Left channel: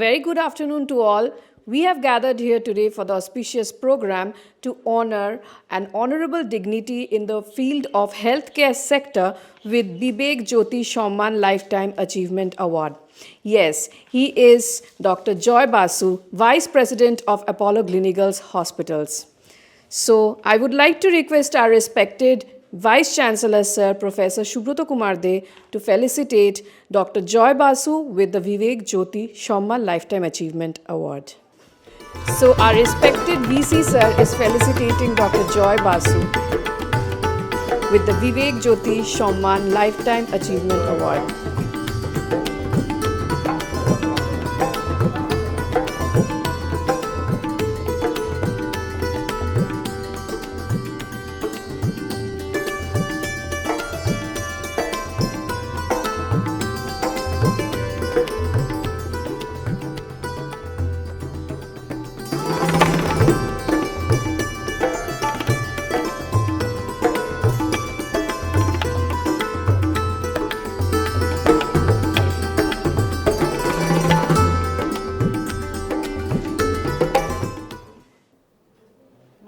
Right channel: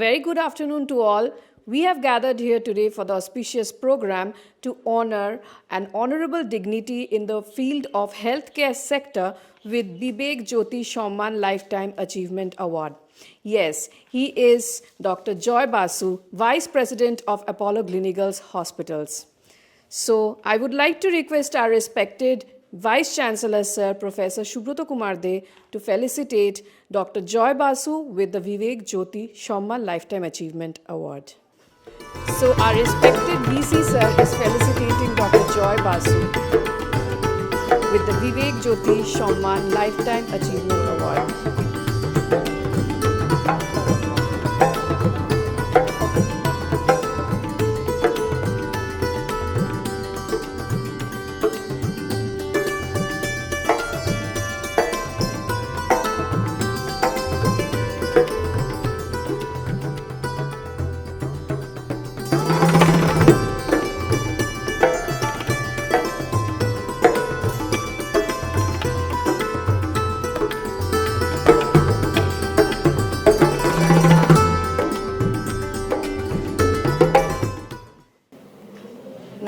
Very good afternoon to all. We have gathered here today for the auspicious program to honor an honorable dignity in the field of healthcare sector with Bibek Jyoti Shomman Lifetime Achievement Award. Yes, he is Dr. Joy Basu, Vice President of Apollo Gleneagles Hospitals. So I would like to request our respected Vice Chancellor Sir Professor Subroto Kumar De to felicitate Dr. Joy Basu with the Vivek Jyoti Shomman Lifetime Achievement Award. So our respected VC Sir is felicitating Dr. Joy Basu with the Vivek Jyoti Shomman Lifetime Achievement Award.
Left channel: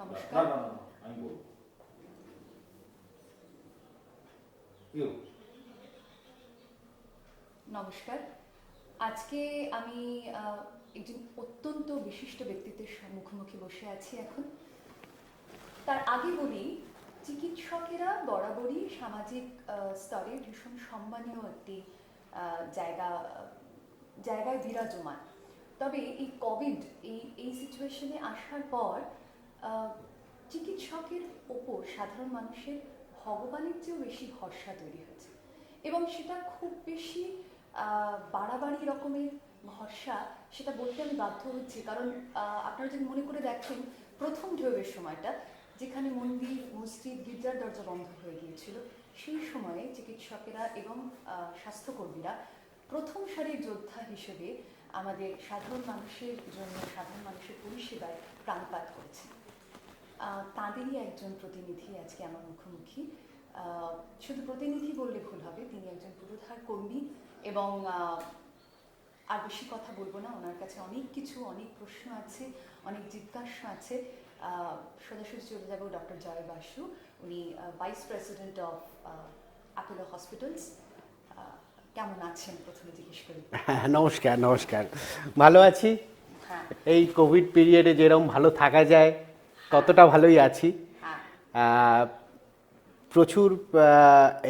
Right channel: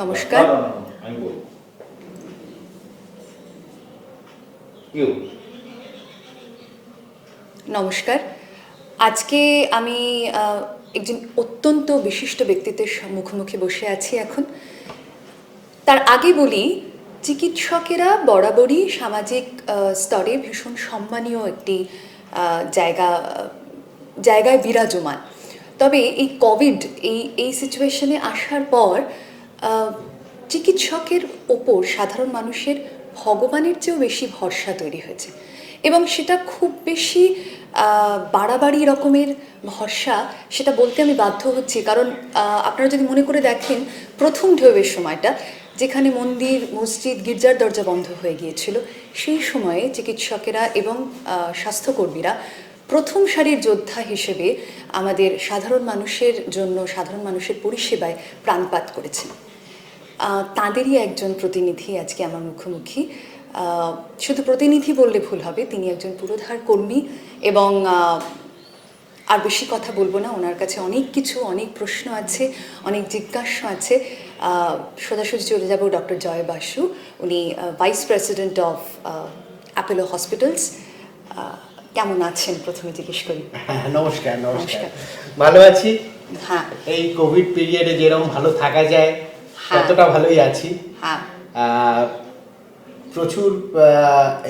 নমস্কার। নমস্কার। আজকে আমি একজন অত্যন্ত বিশিষ্ট ব্যক্তিত্বের মুখোমুখি বসে আছি এখন। তার আগে বলি, চিকিৎসকেরা বরাবরই সামাজিক স্তরে ভীষণ সম্মানীয় একটি জায়গায় বিরাজমান। তবে এই কোভিড এই সিচুয়েশনে আসার পর চিকিৎসকের ওপর সাধারণ মানুষের ভগবানের চেয়েও বেশি ভরসা তৈরি হয়েছে, এবং সেটা খুব বেশি বাড়াবাড়ি রকমের ভরসা, সেটা বলতে আমি বাধ্য হচ্ছি। কারণ আপনারা যদি মনে করে দেখেন, প্রথম ঢেউয়ের সময়টা যেখানে মন্দির, মসজিদ, গির্জার দরজা বন্ধ হয়ে গিয়েছিল, সেই সময়ে চিকিৎসকেরা এবং স্বাস্থ্যকর্মীরা প্রথম সারির যোদ্ধা হিসেবে আমাদের সাধারণ মানুষের জন্য, সাধারণ মানুষের পরিষেবায় প্রাণপাত করেছেন। তাঁদেরই একজন প্রতিনিধি আজকে আমার মুখোমুখি। শুধু প্রতিনিধি বললে ভুল হবে, তিনি একজন পুরোধার কর্মী। এবং আর বেশি কথা বলবো না, ওনার কাছে অনেক প্রশ্ন আছে, অনেক জিজ্ঞাসা আছে। সোজাসুজি চলে যাব ডক্টর জয় বাসু। উনি vice president of Apollo hospitals. কেমন আছেন প্রথমে জিজ্ঞেস করি? নমস্কার। ভালো আছি। হ্যাঁ, এই কোভিড পিরিয়ডে যেরকম ভালো থাকা যায় ততটা ভালোই আছি। প্রচুর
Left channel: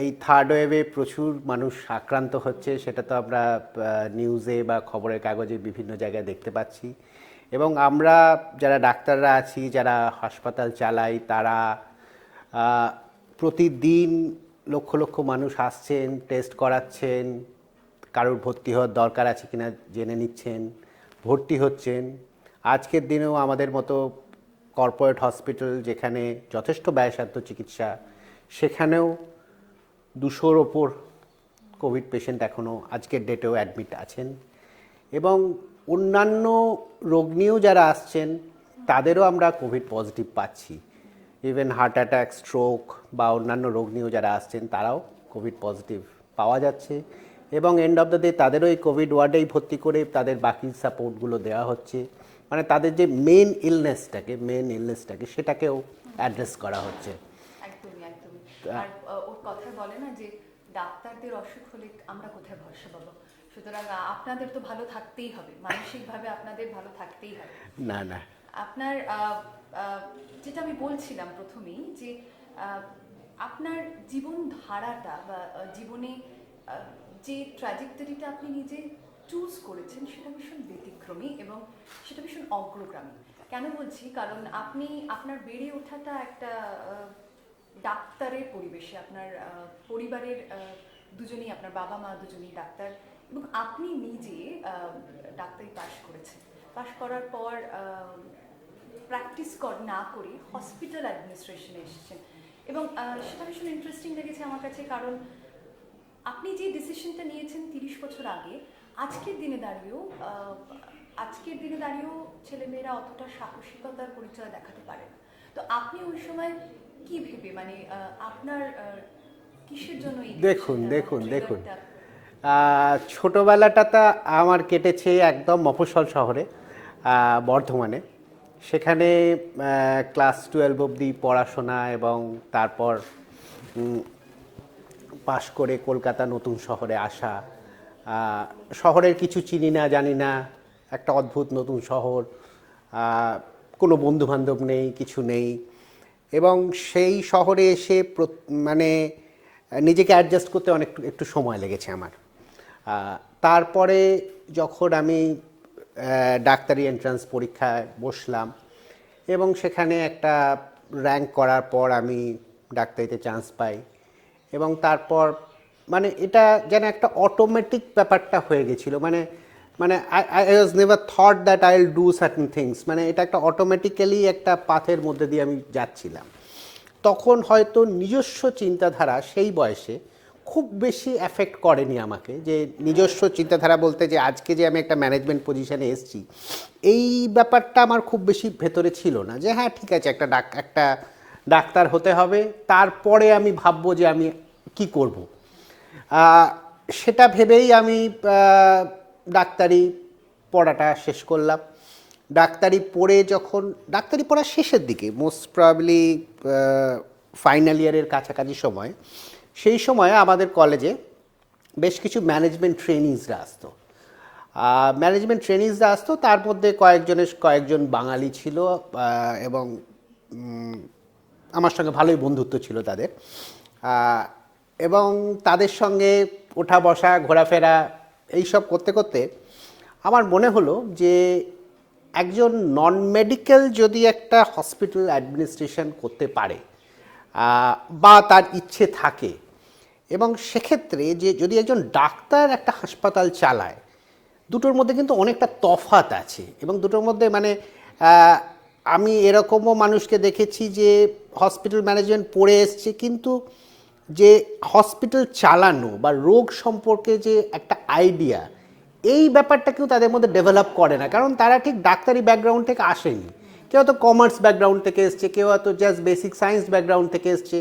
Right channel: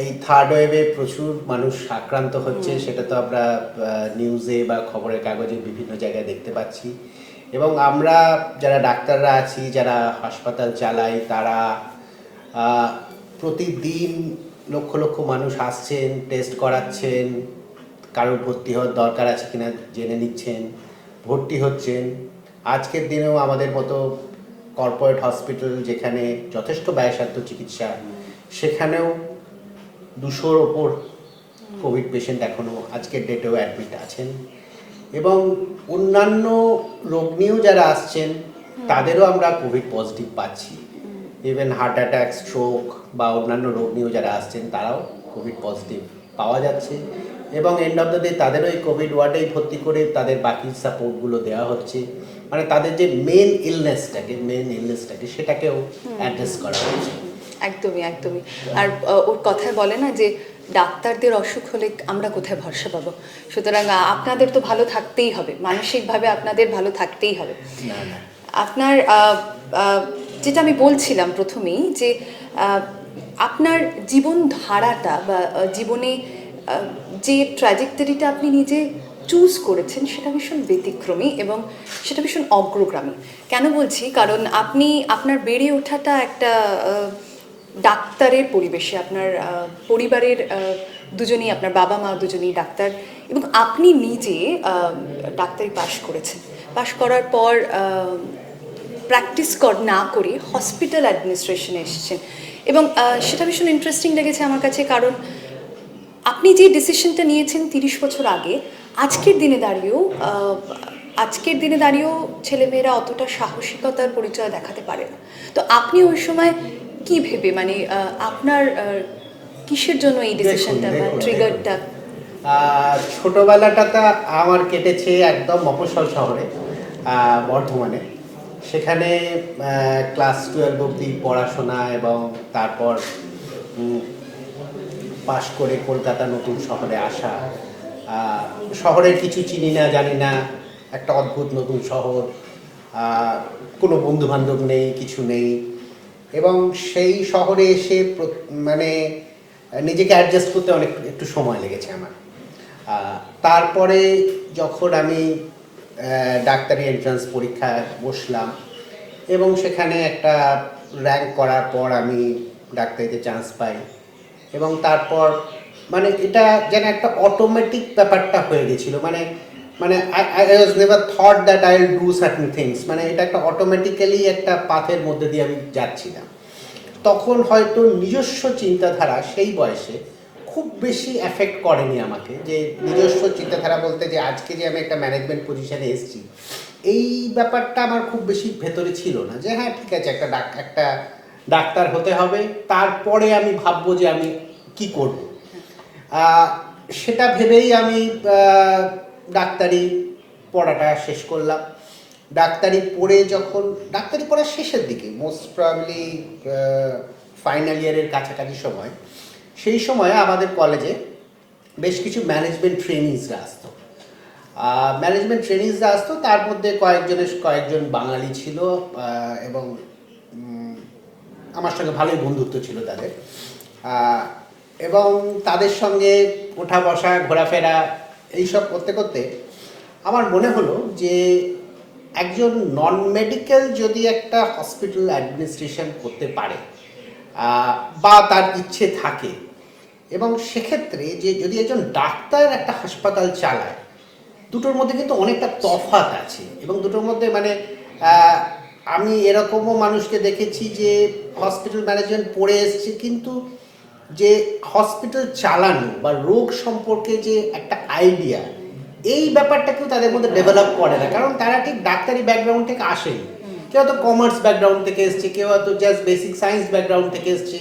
এই থার্ড ওয়েভে প্রচুর মানুষ আক্রান্ত হচ্ছে, সেটা তো আমরা নিউজে বা খবরের কাগজে বিভিন্ন জায়গায় দেখতে পাচ্ছি। এবং আমরা যারা ডাক্তাররা আছি, যারা হাসপাতাল চালাই, তারা প্রতিদিন লক্ষ লক্ষ মানুষ আসছেন, টেস্ট করাচ্ছেন, কারোর ভর্তি হওয়ার দরকার আছে কিনা জেনে নিচ্ছেন, ভর্তি হচ্ছেন। আজকের দিনেও আমাদের মতো কর্পোরেট হসপিটাল, যেখানে যথেষ্ট ব্যয়সাধ্য চিকিৎসা, সেখানেও 200-র ওপর কোভিড পেশেন্ট এখনও আজকের ডেটেও অ্যাডমিট আছেন। এবং অন্যান্য রোগ নিয়েও যারা আসছেন তাদেরও আমরা কোভিড পজিটিভ পাচ্ছি। ইভেন হার্ট অ্যাটাক, স্ট্রোক বা অন্যান্য রোগ নিয়েও যারা আসছেন তারাও কোভিড পজিটিভ পাওয়া যাচ্ছে। এবং এন্ড অফ দ্য ডে তাদেরও এই কোভিড ওয়ার্ডেই ভর্তি করে তাদের বাকি সাপোর্টগুলো দেওয়া হচ্ছে। মানে তাদের যে মেন ইলনেসটাকে সেটাকেও অ্যাড্রেস করা হচ্ছে। একদমই। আর ওর কথায় বলে না যে ডাক্তারদের অসুখ হলে আমরা কোথায় ভরসা পাবো? সুতরাং আপনাদের তো ভালো থাকতেই হবে, মানসিকভাবে আপনাদের ভালো থাকতেই হবে। আপনার যেটা আমি বলছিলাম প্রথমেই, যে আপনার জীবন ধারাটা বা জীবনে যে ট্র্যাজেক্টরিটা আপনি নিজে চুজ করেছেন, সেটা ভীষণ ব্যতিক্রমী এবং সেটা ভীষণ অগ্রগামী। কেন বলছি? কারণ আপনার বেড়ে ওঠাটা একটা ডাক্তারের পরিবেশে, আপনার পরিবারের দুজনেই, আপনার বাবা মা দুজনেই ডাক্তার, এবং আপনি নিজে ডাক্তারি পাশ করার পর প্র্যাকটিস না করে হসপিটাল অ্যাডমিনিস্ট্রেশনে এসেছেন। এবং সেটা ভীষণ ইন্টারেস্টিং লেগেছে আমার কাছে, কারণ আপনি যে ডিসিশনটা নিয়েছেন 30 বছর আগে, আজকের দিনে দাঁড়িয়েও ছেলেমেয়েরা অতটা সাহসিকতার পরিচয় দেখাতে পারে না। তো আপনি ওই সময় কি ভেবে, মানে আপনার কিসের জন্য এই ডিসিশনটা বা ট্রিগারটা? ছোটোবেলাটা আমার কেটেছে একদম মফস্বল শহরে, বর্ধমানে। সেখানে ক্লাস 12 অবধি পড়াশোনা এবং তারপর পাশ করে কলকাতা নতুন শহরে আসা। শহরের কিছু চিনি না জানি না, একটা অদ্ভুত নতুন শহর, কোনো বন্ধুবান্ধব নেই, কিছু নেই। এবং সেই শহরে এসে মানে নিজেকে অ্যাডজাস্ট করতে একটু সময় লেগেছে আমার। তারপরে যখন আমি ডাক্তারি এন্ট্রান্স পরীক্ষায় বসলাম এবং সেখানে একটা র্যাঙ্ক করার পর আমি ডাক্তারিতে চান্স পাই, এবং তারপর মানে এটা যেন একটা অটোমেটিক ব্যাপারটা হয়ে গেছিলো। মানে মানে I was never thought that I will do certain things, মানে এটা একটা অটোমেটিক্যালি একটা পাথের মধ্যে দিয়ে আমি যাচ্ছিলাম। তখন হয়তো নিজস্ব চিন্তাধারা সেই বয়সে খুব বেশি অ্যাফেক্ট করেনি আমাকে, যে নিজস্ব চিন্তাধারা বলতে যে আজকে যে আমি একটা ম্যানেজমেন্ট পজিশানে এসেছি, এই ব্যাপারটা আমার খুব বেশি ভেতরে ছিল না। যে হ্যাঁ ঠিক আছে, একটা ডাক্তার হতে হবে, তারপরে আমি ভাববো যে আমি কি করব। সেটা ভেবেই আমি ডাক্তারি পড়াটা শেষ করলাম। ডাক্তারি পড়ার শেষের দিকে, মোস্ট প্রবাবলি ফাইনাল ইয়ারের কাছাকাছি সময়, সেই সময় আমাদের কলেজে বেশ কিছু ম্যানেজমেন্ট ট্রেনিংসরা আসতো। তার মধ্যে কয়েকজন বাঙালি ছিল, এবং আমার সঙ্গে ভালোই বন্ধুত্ব ছিল তাদের। এবং তাদের সঙ্গে ওঠা বসা ঘোরাফেরা এইসব করতে করতে আমার মনে হলো যে একজন নন মেডিকেল যদি একটা হসপিটাল অ্যাডমিনিস্ট্রেশন করতে পারে বা তার ইচ্ছে থাকে, এবং সেক্ষেত্রে যে যদি একজন ডাক্তার একটা হাসপাতাল চালায়, দুটোর মধ্যে কিন্তু অনেকটা তফাৎ আছে। এবং দুটোর মধ্যে মানে আমি এরকমও মানুষকে দেখেছি যে হসপিটাল ম্যানেজমেন্ট পড়ে এসছে, কিন্তু যে হসপিটাল চালানো বা রোগ সম্পর্কে যে একটা আইডিয়া, এই ব্যাপারটা কেউ তাদের মধ্যে ডেভেলপ করে না, কারণ তারা ঠিক ডাক্তারি ব্যাকগ্রাউন্ড থেকে আসেনি। কেউ হয়তো কমার্স ব্যাকগ্রাউন্ড থেকে এসছে, কেউ হয়তো জাস্ট বেসিক সায়েন্স ব্যাকগ্রাউন্ড থেকে এসছে,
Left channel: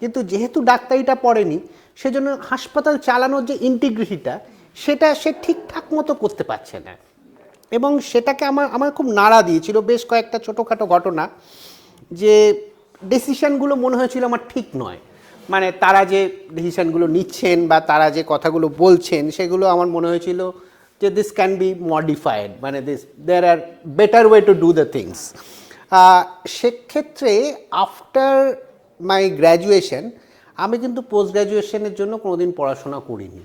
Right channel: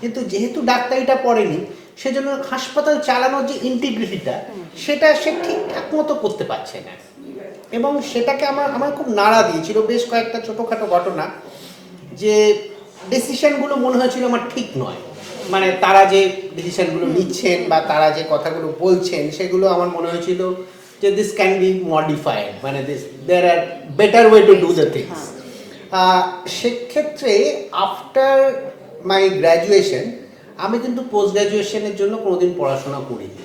কিন্তু যেহেতু ডাক্তারিটা পড়েনি, সেজন্য হাসপাতাল চালানোর যে ইন্টিগ্রিটিটা, সেটা সে ঠিকঠাক মতো করতে পারছে না। এবং সেটাকে আমার খুব নাড়া দিয়েছিল বেশ কয়েকটা ছোটোখাটো ঘটনা, যে ডিসিশনগুলো মনে হয়েছিল আমার ঠিক নয়। মানে তারা যে ডিসিশনগুলো নিচ্ছেন বা তারা যে কথাগুলো বলছেন, সেগুলো আমার মনে হয়েছিল যে দিস ক্যান বি মডিফাইড, মানে there are better way to do the things. সেক্ষেত্রে আফটার মাই গ্র্যাজুয়েশন আমি কিন্তু পোস্ট গ্র্যাজুয়েশনের জন্য কোনোদিন পড়াশোনা করিনি।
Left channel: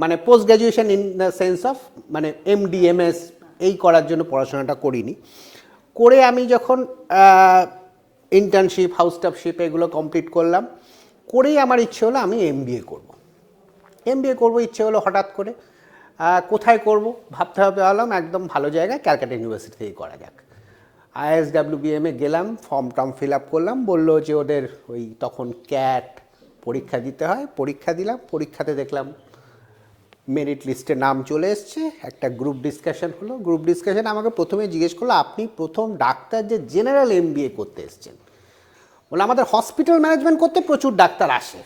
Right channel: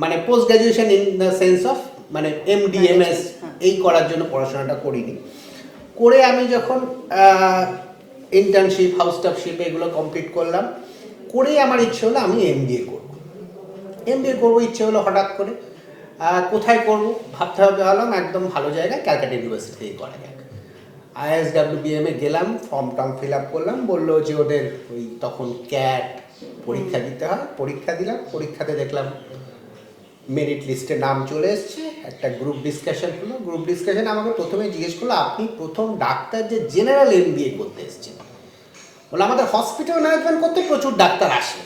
মানে post graduation in the sense of মানে MD/MS এই করার জন্য পড়াশোনাটা করিনি। করে আমি যখন ইন্টার্নশিপ, হাউস স্টাফশিপ এগুলো কমপ্লিট করলাম, করেই আমার ইচ্ছে হলো আমি MBA করবো ইচ্ছে হলো হঠাৎ করে। কোথায় করব ভাবতে হলাম একদম ভালো জায়গায়, ক্যালকাটা ইউনিভার্সিটি থেকে করা যাক। ISWBM গেলাম, ফর্ম ফিল আপ করলাম, বললো যে ওদের ওই তখন ক্যাট পরীক্ষা দিতে হয়, পরীক্ষা দিলাম। পরীক্ষাতে দেখলাম মেরিট লিস্টে নাম চলে এসছে, একটা গ্রুপ ডিসকাশন হলো। গ্রুপ ডিসকাশনে আমাকে প্রথমে জিজ্ঞেস করলো, আপনি প্রথম ডাক্তার যে জেনারেল MBA করতে এসছেন। বলে আমাদের হসপিটাল ম্যানেজমেন্ট করতে প্রচুর ডাক্তার আসে,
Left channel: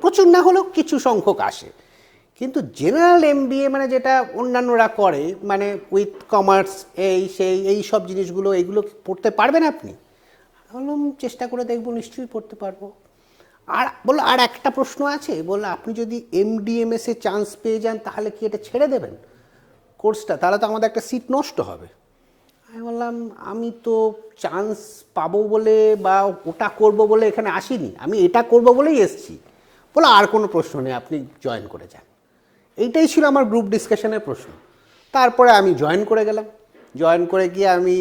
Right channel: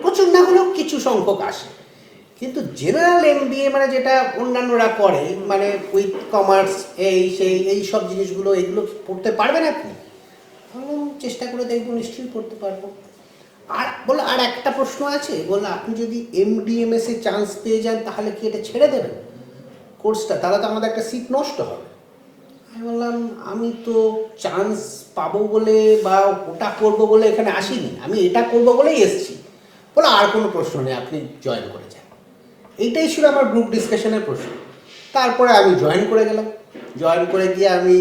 প্রচুর না হলেও কিছু সংখ্যক আসে, কিন্তু জেনারেল MBA মানে যেটা অন্যান্যরা করে, মানে উইথ কমার্স এই সব জিনিসগুলো, এগুলো পড়তে পারবেন আপনি? বললাম চেষ্টা করে দেখবো, নিশ্চয়ই পড়তে পারবো। আর বললো আর একটা প্রশ্ন আছে, বললো আপনি যদি MD/MS চান্স পেয়ে যান, তাহলে কি এটা ছেড়ে দেবেন কোর্সটা? তাহলে তো আমাদের একটা সিট নষ্ট হবে। আমি বললাম আমি তো চান্স পাবো বলে বা ওটা করবো বলে এখানে আসিনি, আমি এটা করবো বলেই এসেছি। বলো আর কোনো প্রশ্ন নেই, আপনি জয়েন করে যান। এইটাই ছিল আমার গ্রুপ ডিসকাশনের প্রশ্ন। তারপরে আমি জয়েন করে গেলাম। জয়েন করে গিয়ে আমি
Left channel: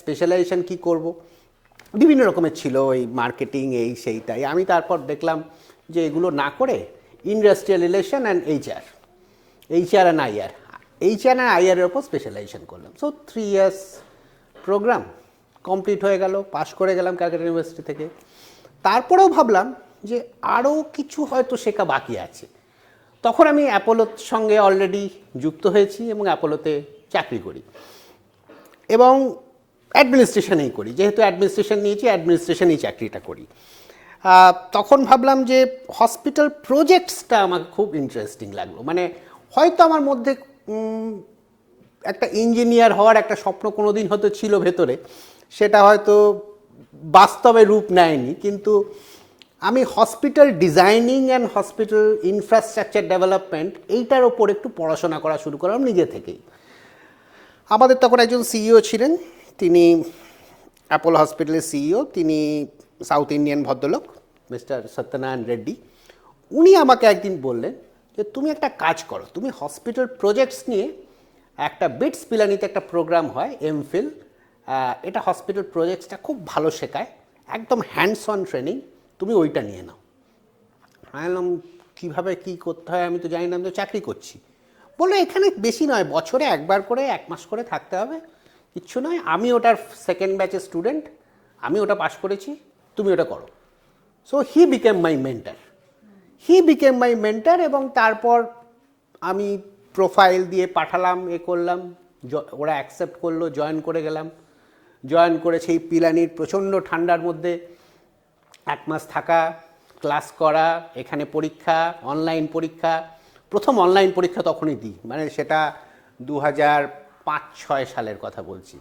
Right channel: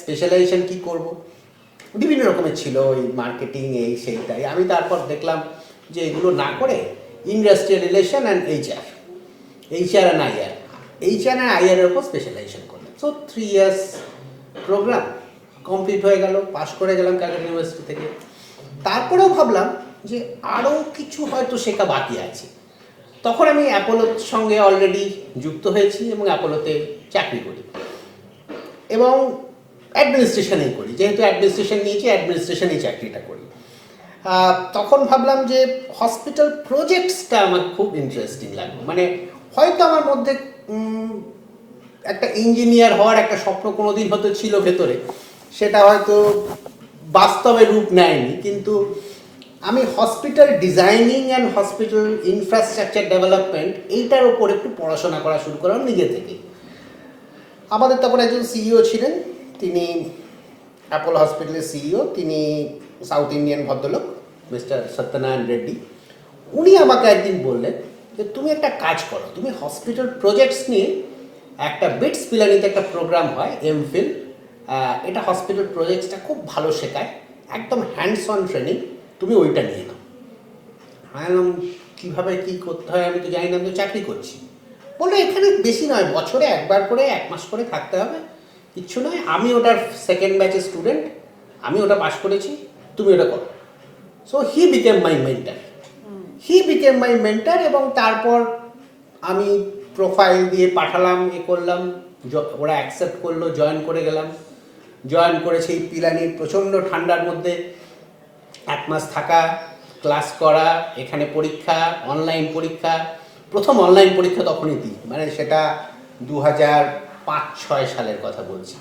স্পেশালাইজেশন কী করব, বিভিন্ন রকমের ছিল, ওই মার্কেটিং সেইটাই। আমি তারপর দেখলাম যে এগুলো না করে industrial relation and HR and IR এর উপর স্পেশালাইজেশন করলাম। সো 3 ইয়ার্স প্রোগ্রাম কমপ্লিট হয়ে গেল, পাশ করে গেলাম ক্যালকাটা ইউনিভার্সিটি থেকে। তারপরেও ভাবলাম যে আরও কিছু হয়তো শেখা বাকি আছে। তখন আমি অ্যাপোলোর সঙ্গে অলরেডি যুক্ত হয়েছি এবং অ্যাপোলোতে চাকরি করি, এবং অ্যাডমিনিস্ট্রেশনেই করি। যেহেতু অ্যাডমিনিস্ট্রেশন নিয়েছি, অ্যাডমিনিস্ট্রেশনেই চাকরিটা করি। তখন ভাবলাম যে হসপিটাল প্রজেক্টসটা আমার খুব ইন্টারেস্টিং লাগলো, মানে হয়তো আমার মধ্যে একটা ইঞ্জিনিয়ার হওয়ার একটা স্বপ্ন কোনোদিন হয়তো ছিল ভেতরে, সেটা হয়তো বাস্তবে রূপ নেয়নি, কিন্তু আমি hospital designing and hospital infrastructure development এইটার ওপর একটু পড়াশোনা করা শুরু করলাম নিজে থেকে। আমাদের তখন একজন সিইও ছিলেন, তিনি অ্যাপোলো হসপিটালের সিইও, তিনি সাউথ ইন্ডিয়ান ভদ্রলোক মিস্টার সত্যনারায়ণ রেড্ডি। উনি আমাকে একদিন বললেন যে তুমি একটা কাজ করো, তুমি হসপিটাল প্রজেক্টস নিয়ে একটা বিটস পিলানিতে একটা প্রোগ্রাম হয় এমফিল, এটা হসপিটাল প্রজেক্টসটা খুব ভালো শেখায়, একদম হ্যান্ডস অন ট্রেনিং, তুমি ওইটা নিয়ে নাও। আমি বললাম কীভাবে কী করতে হয় আমি তো জানি না, আমি তো চাকরি করছি। বললো এখানে বেশি নয়, বছরে একবার করে 1 মাস করে থাকতে হবে, কিচ্ছু নয়, আমি ওটার সেকেন্ড ব্যাচের স্টুডেন্ট, আমি ওটা পাস করেছি, তুমি ওটা করো। So he became my mentor, এবং তারপর আমি প্রোফাইল দিয়ে পাঠালাম, করলাম, ওরা অ্যাকসেপ্ট করলো, জয়েন করে গেলাম। জয়েন করে সেই পিলানির প্রচণ্ড ঠান্ডার মধ্যে 1 মাস থাকা, ক্লাস করা, এখানে পরীক্ষা, অনলাইন পরীক্ষা। প্রথম অনলাইন পরীক্ষা তখনই দিই, মানে সেটা 2005-06 সালের কথা বলছি।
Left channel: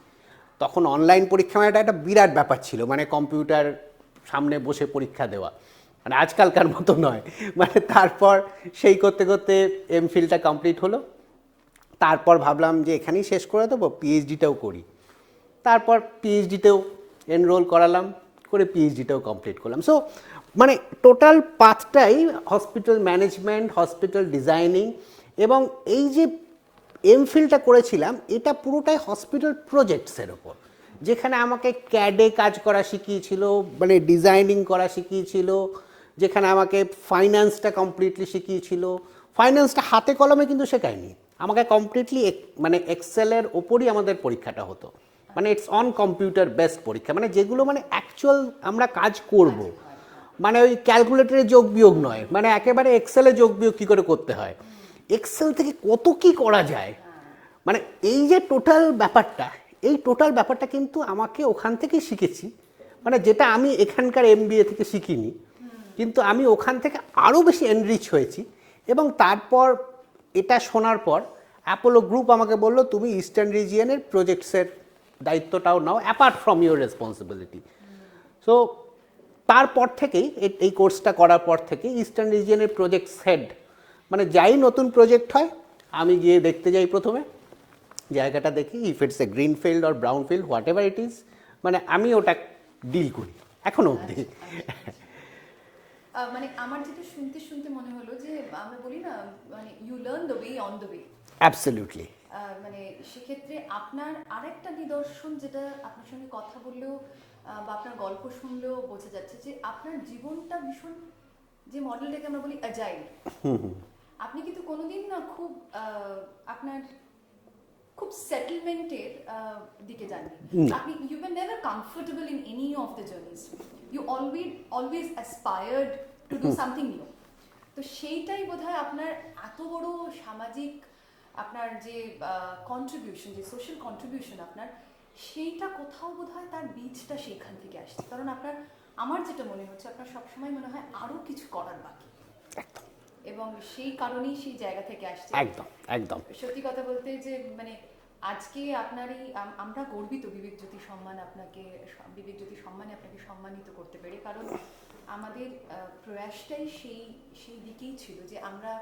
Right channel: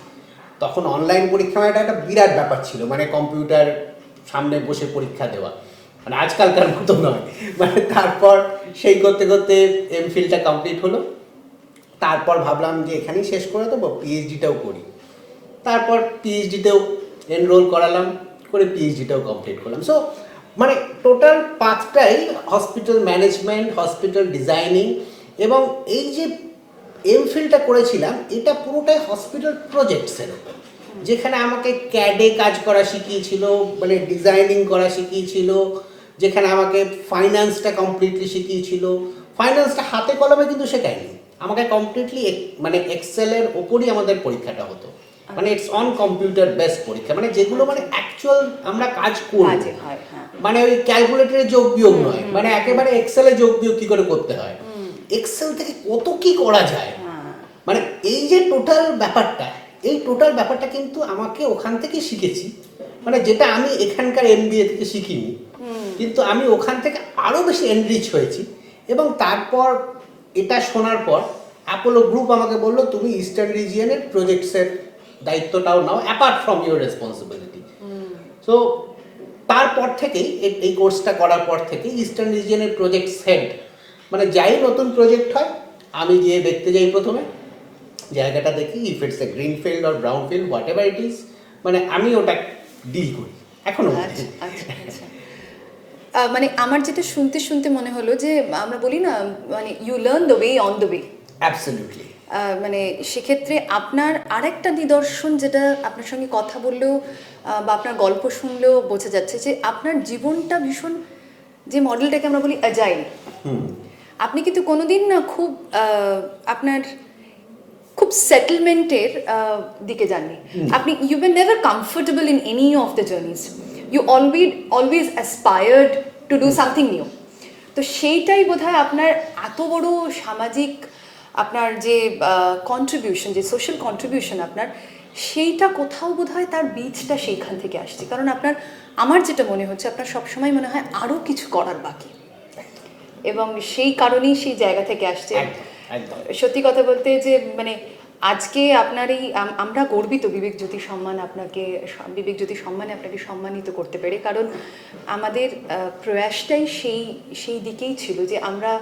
তখন অনলাইন পরীক্ষা মানে এটা একটা বিরাট ব্যাপার ছিল, মানে কম্পিউটার সামনে বসে পরীক্ষা দেওয়া, মানে আজকালকার মতো নয়। মানে তারপর সেই করতে করতে এমফিলটা কমপ্লিট হলো। তারপর ভাবলাম যে এখানেই শেষ করে দেবো, পিএইচডিটাও করি। তারপর পিএইচডিতেও এনরোল করালাম, করে পিএইচডিটাও কমপ্লিট করলাম। সো মানে টোটাল পাথটাই হসপিটাল ম্যানেজমেন্ট, হসপিটাল ডিজাইনিং, এবং এই যে এমফিলটা করেছিলাম এটা পুরোটাই হসপিটাল প্রজেক্টসের উপর, যেখানে আমাকে ক্যাডে কাজ করা শিখিয়েছিল, মানে ডিজাইনিং করা শিখিয়েছিল, যেখানে আমাকে ফাইন্যান্সটা কমপ্লিটলি শিখিয়েছিল। ফাইন্যান্সটা হাতে কলমে কিন্তু শেখায়নি, আমাকে কমপ্লিটলি মানে এক্সেলের ওপরই আমাদের পরীক্ষাটা হতো, মানে ইটস অন কম্পিউটার বেসড পরীক্ষা, মানে যেগুলো মানে অ্যাকচুয়াল আমরা কাজ করব, মানে ওই ক্যালকুলেটরে যোগ বিয়োগ নয়, মানে একেবারে এক্সেলে যোগ বিয়োগ কী করে করতে হয়, এক্সেল থেকে কত কি করা যায়, মানে এই যে টোটাল ব্যাপারটা কিন্তু আমাকে ওখান থেকে শিখেছি, মানে যেটা আমি এখানকার এমবিএ থেকে শিখিনি, কিন্তু আমি ওখান থেকে আরও বেশি এনরিচ হয়েছি। এবং তারপর এটা শোনার পর অ্যাপোলো গ্রুপ আমাকে বললো তুমি ইস্টার্ন রিজিয়নের প্রজেক্টসের দায়িত্বটাও নাও apart from your responsibility. So তারপর থেকেই এই কোর্সটা করার পর থেকে ইস্টার্ন রিজিয়নের প্রজেক্টস হেড, মানে যাই নতুন প্রজেক্ট হয় আমি গিয়ে দেখতে যাই, প্রথমে জায়গাটা দেখি, if it's a green field or brown field what ever it is, মানে আমি ওটা ডিল করি এখনো। মানে আমার যেটা শুনতে শুনতে মনে হলো যে আমরা বলি না, মানে you learn the way on the way. Absolutely. মানে সেক্ষেত্রে আপনার আরেকটা নিদর্শন, যেটা আপনার সঙ্গে কথা বললেও বা আপনার গল্প শুনলেও বোঝা যাচ্ছে যে আপনার জীবনটা ভীষণ, যে মডেলটাকে আমরা বলি অ্যাজাইল, আপনি কিন্তু কোনোদিন না খুব আপনার খুব সেটেলমেন্টের দিকে যাননি। আপনি you were never comfortable in any of the journeys, you always aspired to do something new. তো সেইটাই বোধহয় আপনার এত বড় সামাজিক আপনার যে কন্ট্রিবিউশন, যে সোশ্যাল কন্ট্রিবিউশন আপনার, সেইটা কোথাও বোধহয় তার বীজটা সেইখান থেকে আসছে। কারণ আপনার, আমার যেটা মনে হচ্ছে আপনার সবসময় মনে হয় আরও কিছু করার বাকি, এবং সেই কারণেই সেই জায়গা থেকে আসছে। সত্যি কথা বলতে যে মানে আজকে আপনার এই আমরা গর্বিত বিবেক জ্যোতি সম্মানে আপনাকে সম্মানিত করতে পেরে, কারণ আমাদের প্রয়াসটাই সেই দিকেই ছিল যে আমরা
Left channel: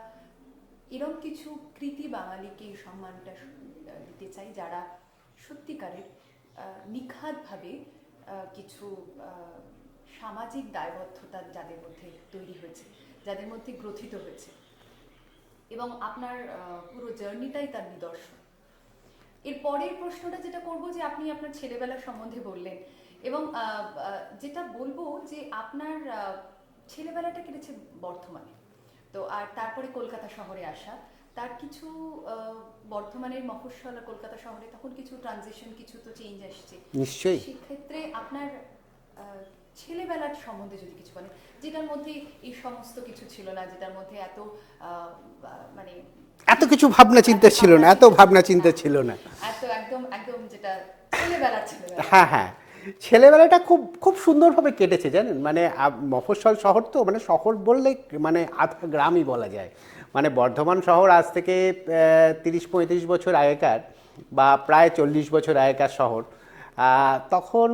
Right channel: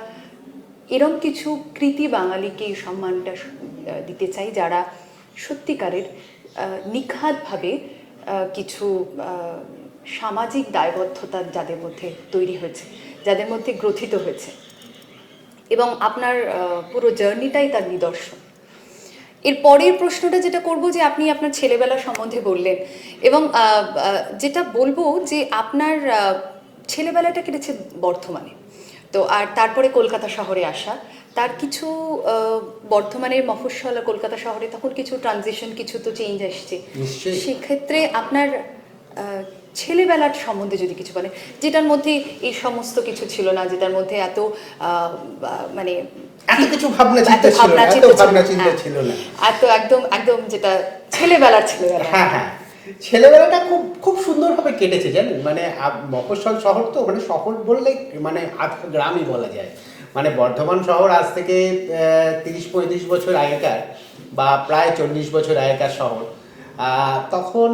এরম কিছু কৃতি বাঙালিকে এই সম্মানটা দিতে চাই, যারা সত্যিকারের নিখাতভাবে কিছু সামাজিক দায়বদ্ধতা যাদের মধ্যে তৈরি হয়েছে, যাদের মধ্যে গ্রথিত হয়েছে, এবং আপনার পুরো জার্নিটাই তার নিদর্শন। এর পরের প্রশ্নটা যেটা করব, যে আপনি আপনার ছেলেবেলা সম্বন্ধে বললেন, এবং যেটা বলবো যে আপনার ছেলেবেলাটা কেটেছে বর্ধমানে, তো আর তারপরে কলকাতা শহরে আসা, তার কিছু বর্ধমানের মফস্বল কলকাতা শহরে তখন কিছু ট্রানজিশন, কিছু তো চেঞ্জ আসছে, সেক্ষেত্রে আপনার ছেলেবেলার সম্বন্ধে যদি কিছু বলেন, যেটার মধ্যে এই সমস্ত কিছু ছিল না, যেটার মধ্যে এত মানে এত কিছু ভাবনা চিন্তা ছিল না, এত একদম যেটা ছেলেবেলা। হ্যাঁ। ছেলেবেলাটা খুব খুব সুন্দরভাবে কেটেছে জানেন, মানে মফস্বল শহর তো, মানে শহর বললে মানে আধা গ্রামই বলা যায়। মানে বর্ধমান শহর আজ থেকে 30-35 বছর আগেকার বা প্রায় 40 বছর আগেকার শহর। তখন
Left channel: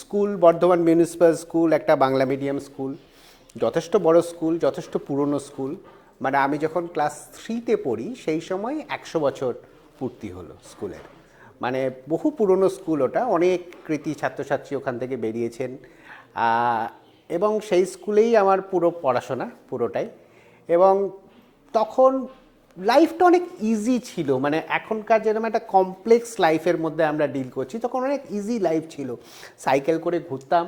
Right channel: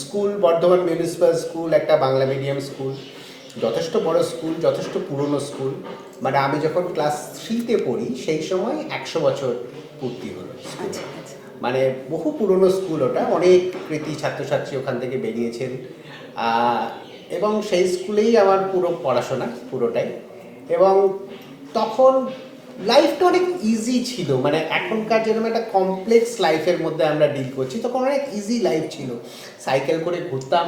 স্কুল, বর্ধমান মিউনিসিপ্যাল স্কুল একটা বাংলা মিডিয়াম স্কুল, যথেষ্ট বড় স্কুল, যথেষ্ট পুরনো স্কুল। মানে আমি যখন ক্লাস 3-তে পড়ি সেই সময় 100 বছর পূর্তি হলো স্কুল। মানে বহু পুরনো স্কুল ওটা, অনেক কৃতি ছাত্রছাত্রী ওখান থেকে বেরিয়েছেন। এবং সেই স্কুলেই আমার পুরো পড়াশোনা পুরোটাই। এবং তখন লাইফটা অনেক ইজি ছিল, মানে এখনকার যেরকম একটা কমপ্লেক্স লাইফের মধ্যে আমরা ডিল করছি, তখন অনেক ইজি লাইফ ছিল। সাইকেল করে ঘুরতাম,